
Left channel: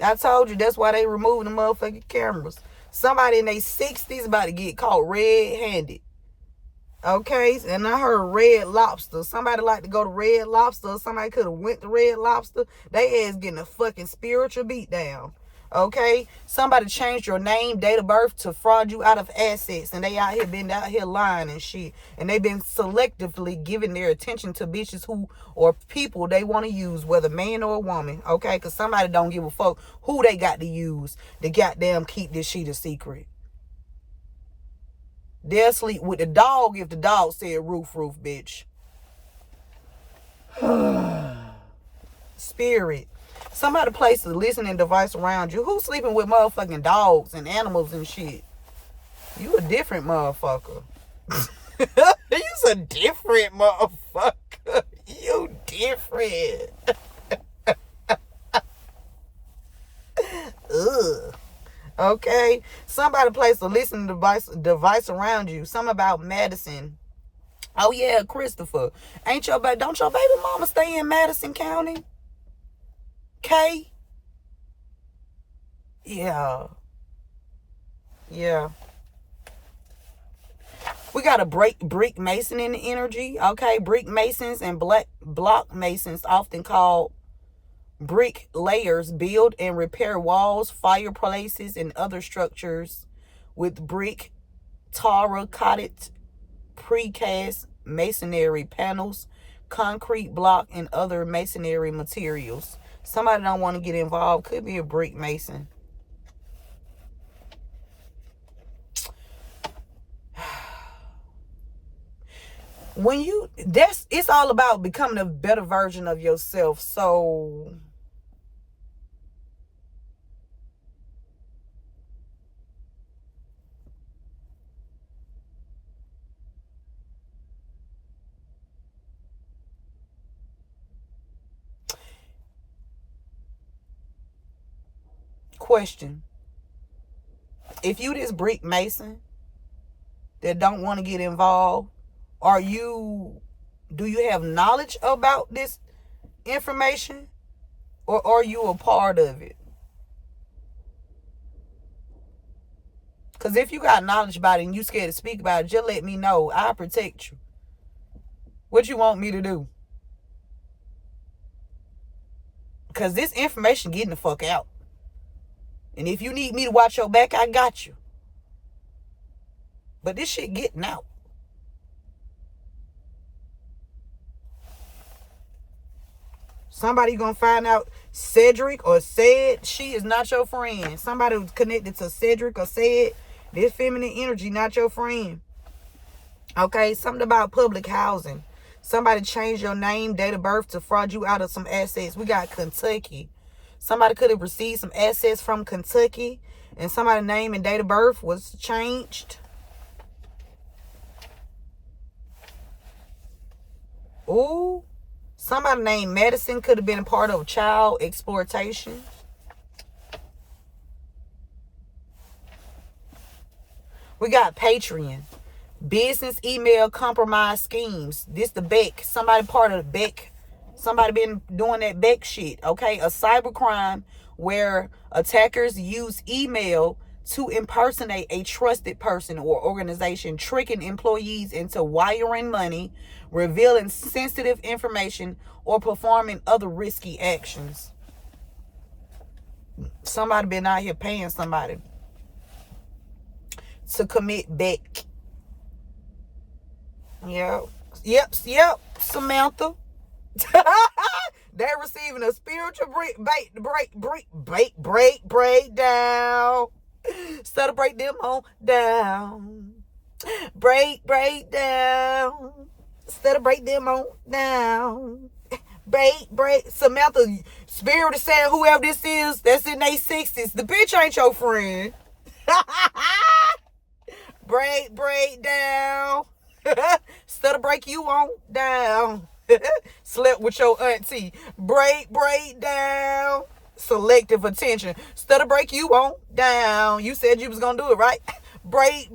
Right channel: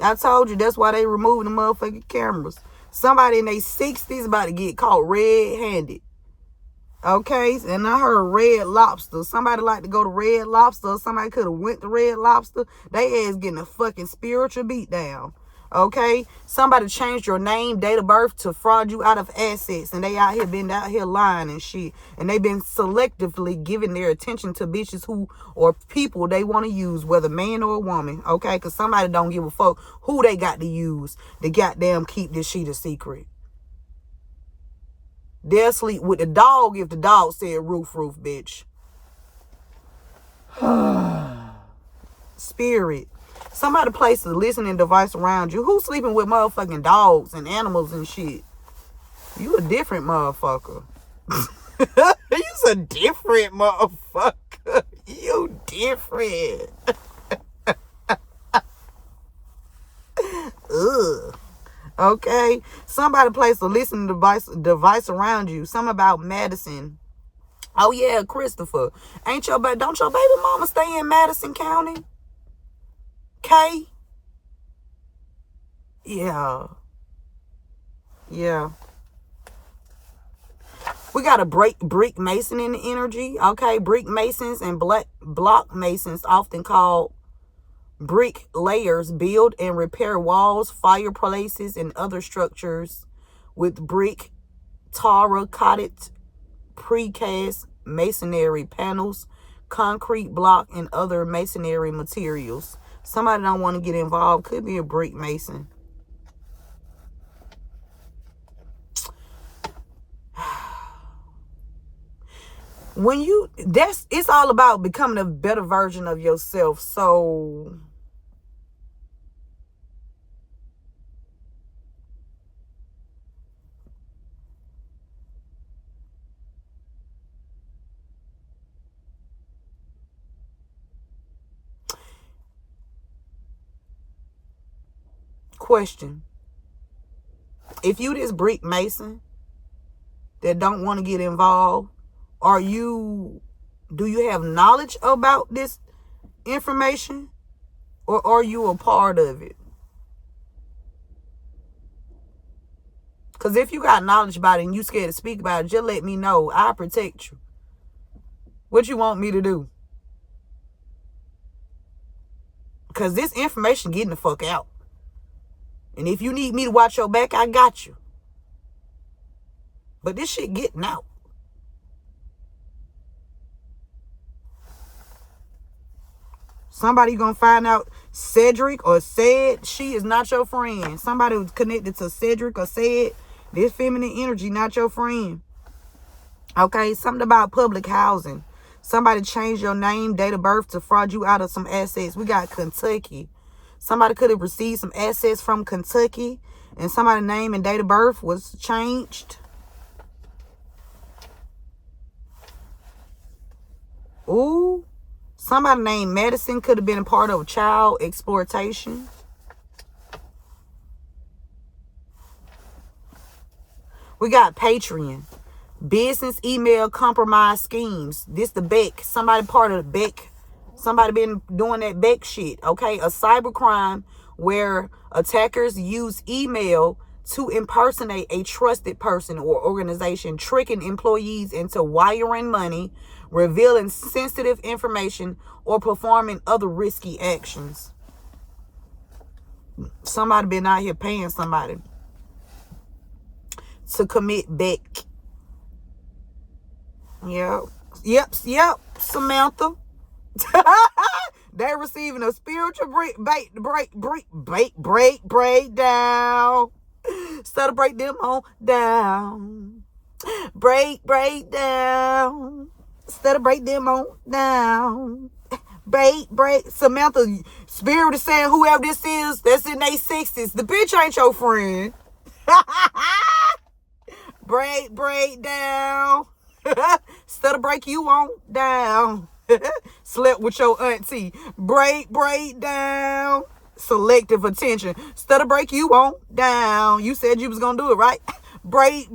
I told you that's why they removing the motherfucking cameras. Somebody in their 60s about to get caught red-handed. Okay? And I heard Red Lobster. Somebody like to go to Red Lobster. Somebody could have went to Red Lobster. They ass getting a fucking spiritual beatdown. Okay, somebody changed your name, date of birth to fraud you out of assets, and they been out here lying and shit, and they been selectively giving their attention to bitches who or people they want to use, whether man or a woman. Okay, because somebody don't give a fuck who they got to use to goddamn keep this shit a secret. They'll sleep with the dog if the dog said roof, bitch. Spirit. Somebody place a listening device around you. Who's sleeping with motherfucking dogs and animals and shit? You a different motherfucker. You's a different motherfucker. You different. Ugh. Okay. Somebody place a listening device around you. Something about Madison. Oh yeah, Christopher. Don't your baby mama stay in Madison County? Okay. Yeah. We got a brick mason in the energy. Okay. Brick masons and block masons, often called brick layers, build and repair walls, fireplaces, and other structures with brick, terracotta, precast masonry panels, concrete block, and other masonry materials. Somebody don't want to get involved. Could be a brick mason. It's all about becoming a better version of yourself. So question. If you this brick mason that don't want to get involved, do you have knowledge about this information, or are you a part of it? Because if you got knowledge about it and you scared to speak about it, just let me know. I'll protect you. What you want me to do? Because this information getting the fuck out. And if you need me to watch your back, I got you. But this shit getting out. Somebody gonna find out Cedric or said she is not your friend. Somebody who's connected to Cedric or said this feminine energy not your friend. Okay, something about public housing. Somebody changed your name, date of birth to fraud you out of some assets. We got Kentucky. Somebody could have received some assets from Kentucky and somebody's name and date of birth was changed. Ooh. Somebody named Madison could have been a part of child exploitation. We got Patreon. Business email compromise schemes. This the Beck. Somebody part of the Beck. Somebody been doing that Beck shit. Okay. A cybercrime where attackers use email to impersonate a trusted person or organization, tricking employees into wiring money, revealing sensitive information, or performing other risky actions. Somebody been out here paying somebody to commit Beck. Yep, Samantha. They're receiving a spiritual breakdown. Celebrate them on down. Break down. Celebrate them on down. Break. Samantha, spirit is saying whoever this is that's in their 60s, the bitch ain't your friend. break down. Celebrate you on down. Slept with your auntie. Break down. Selective attention. Stutter break you on down. You said you was gonna do it, right? Break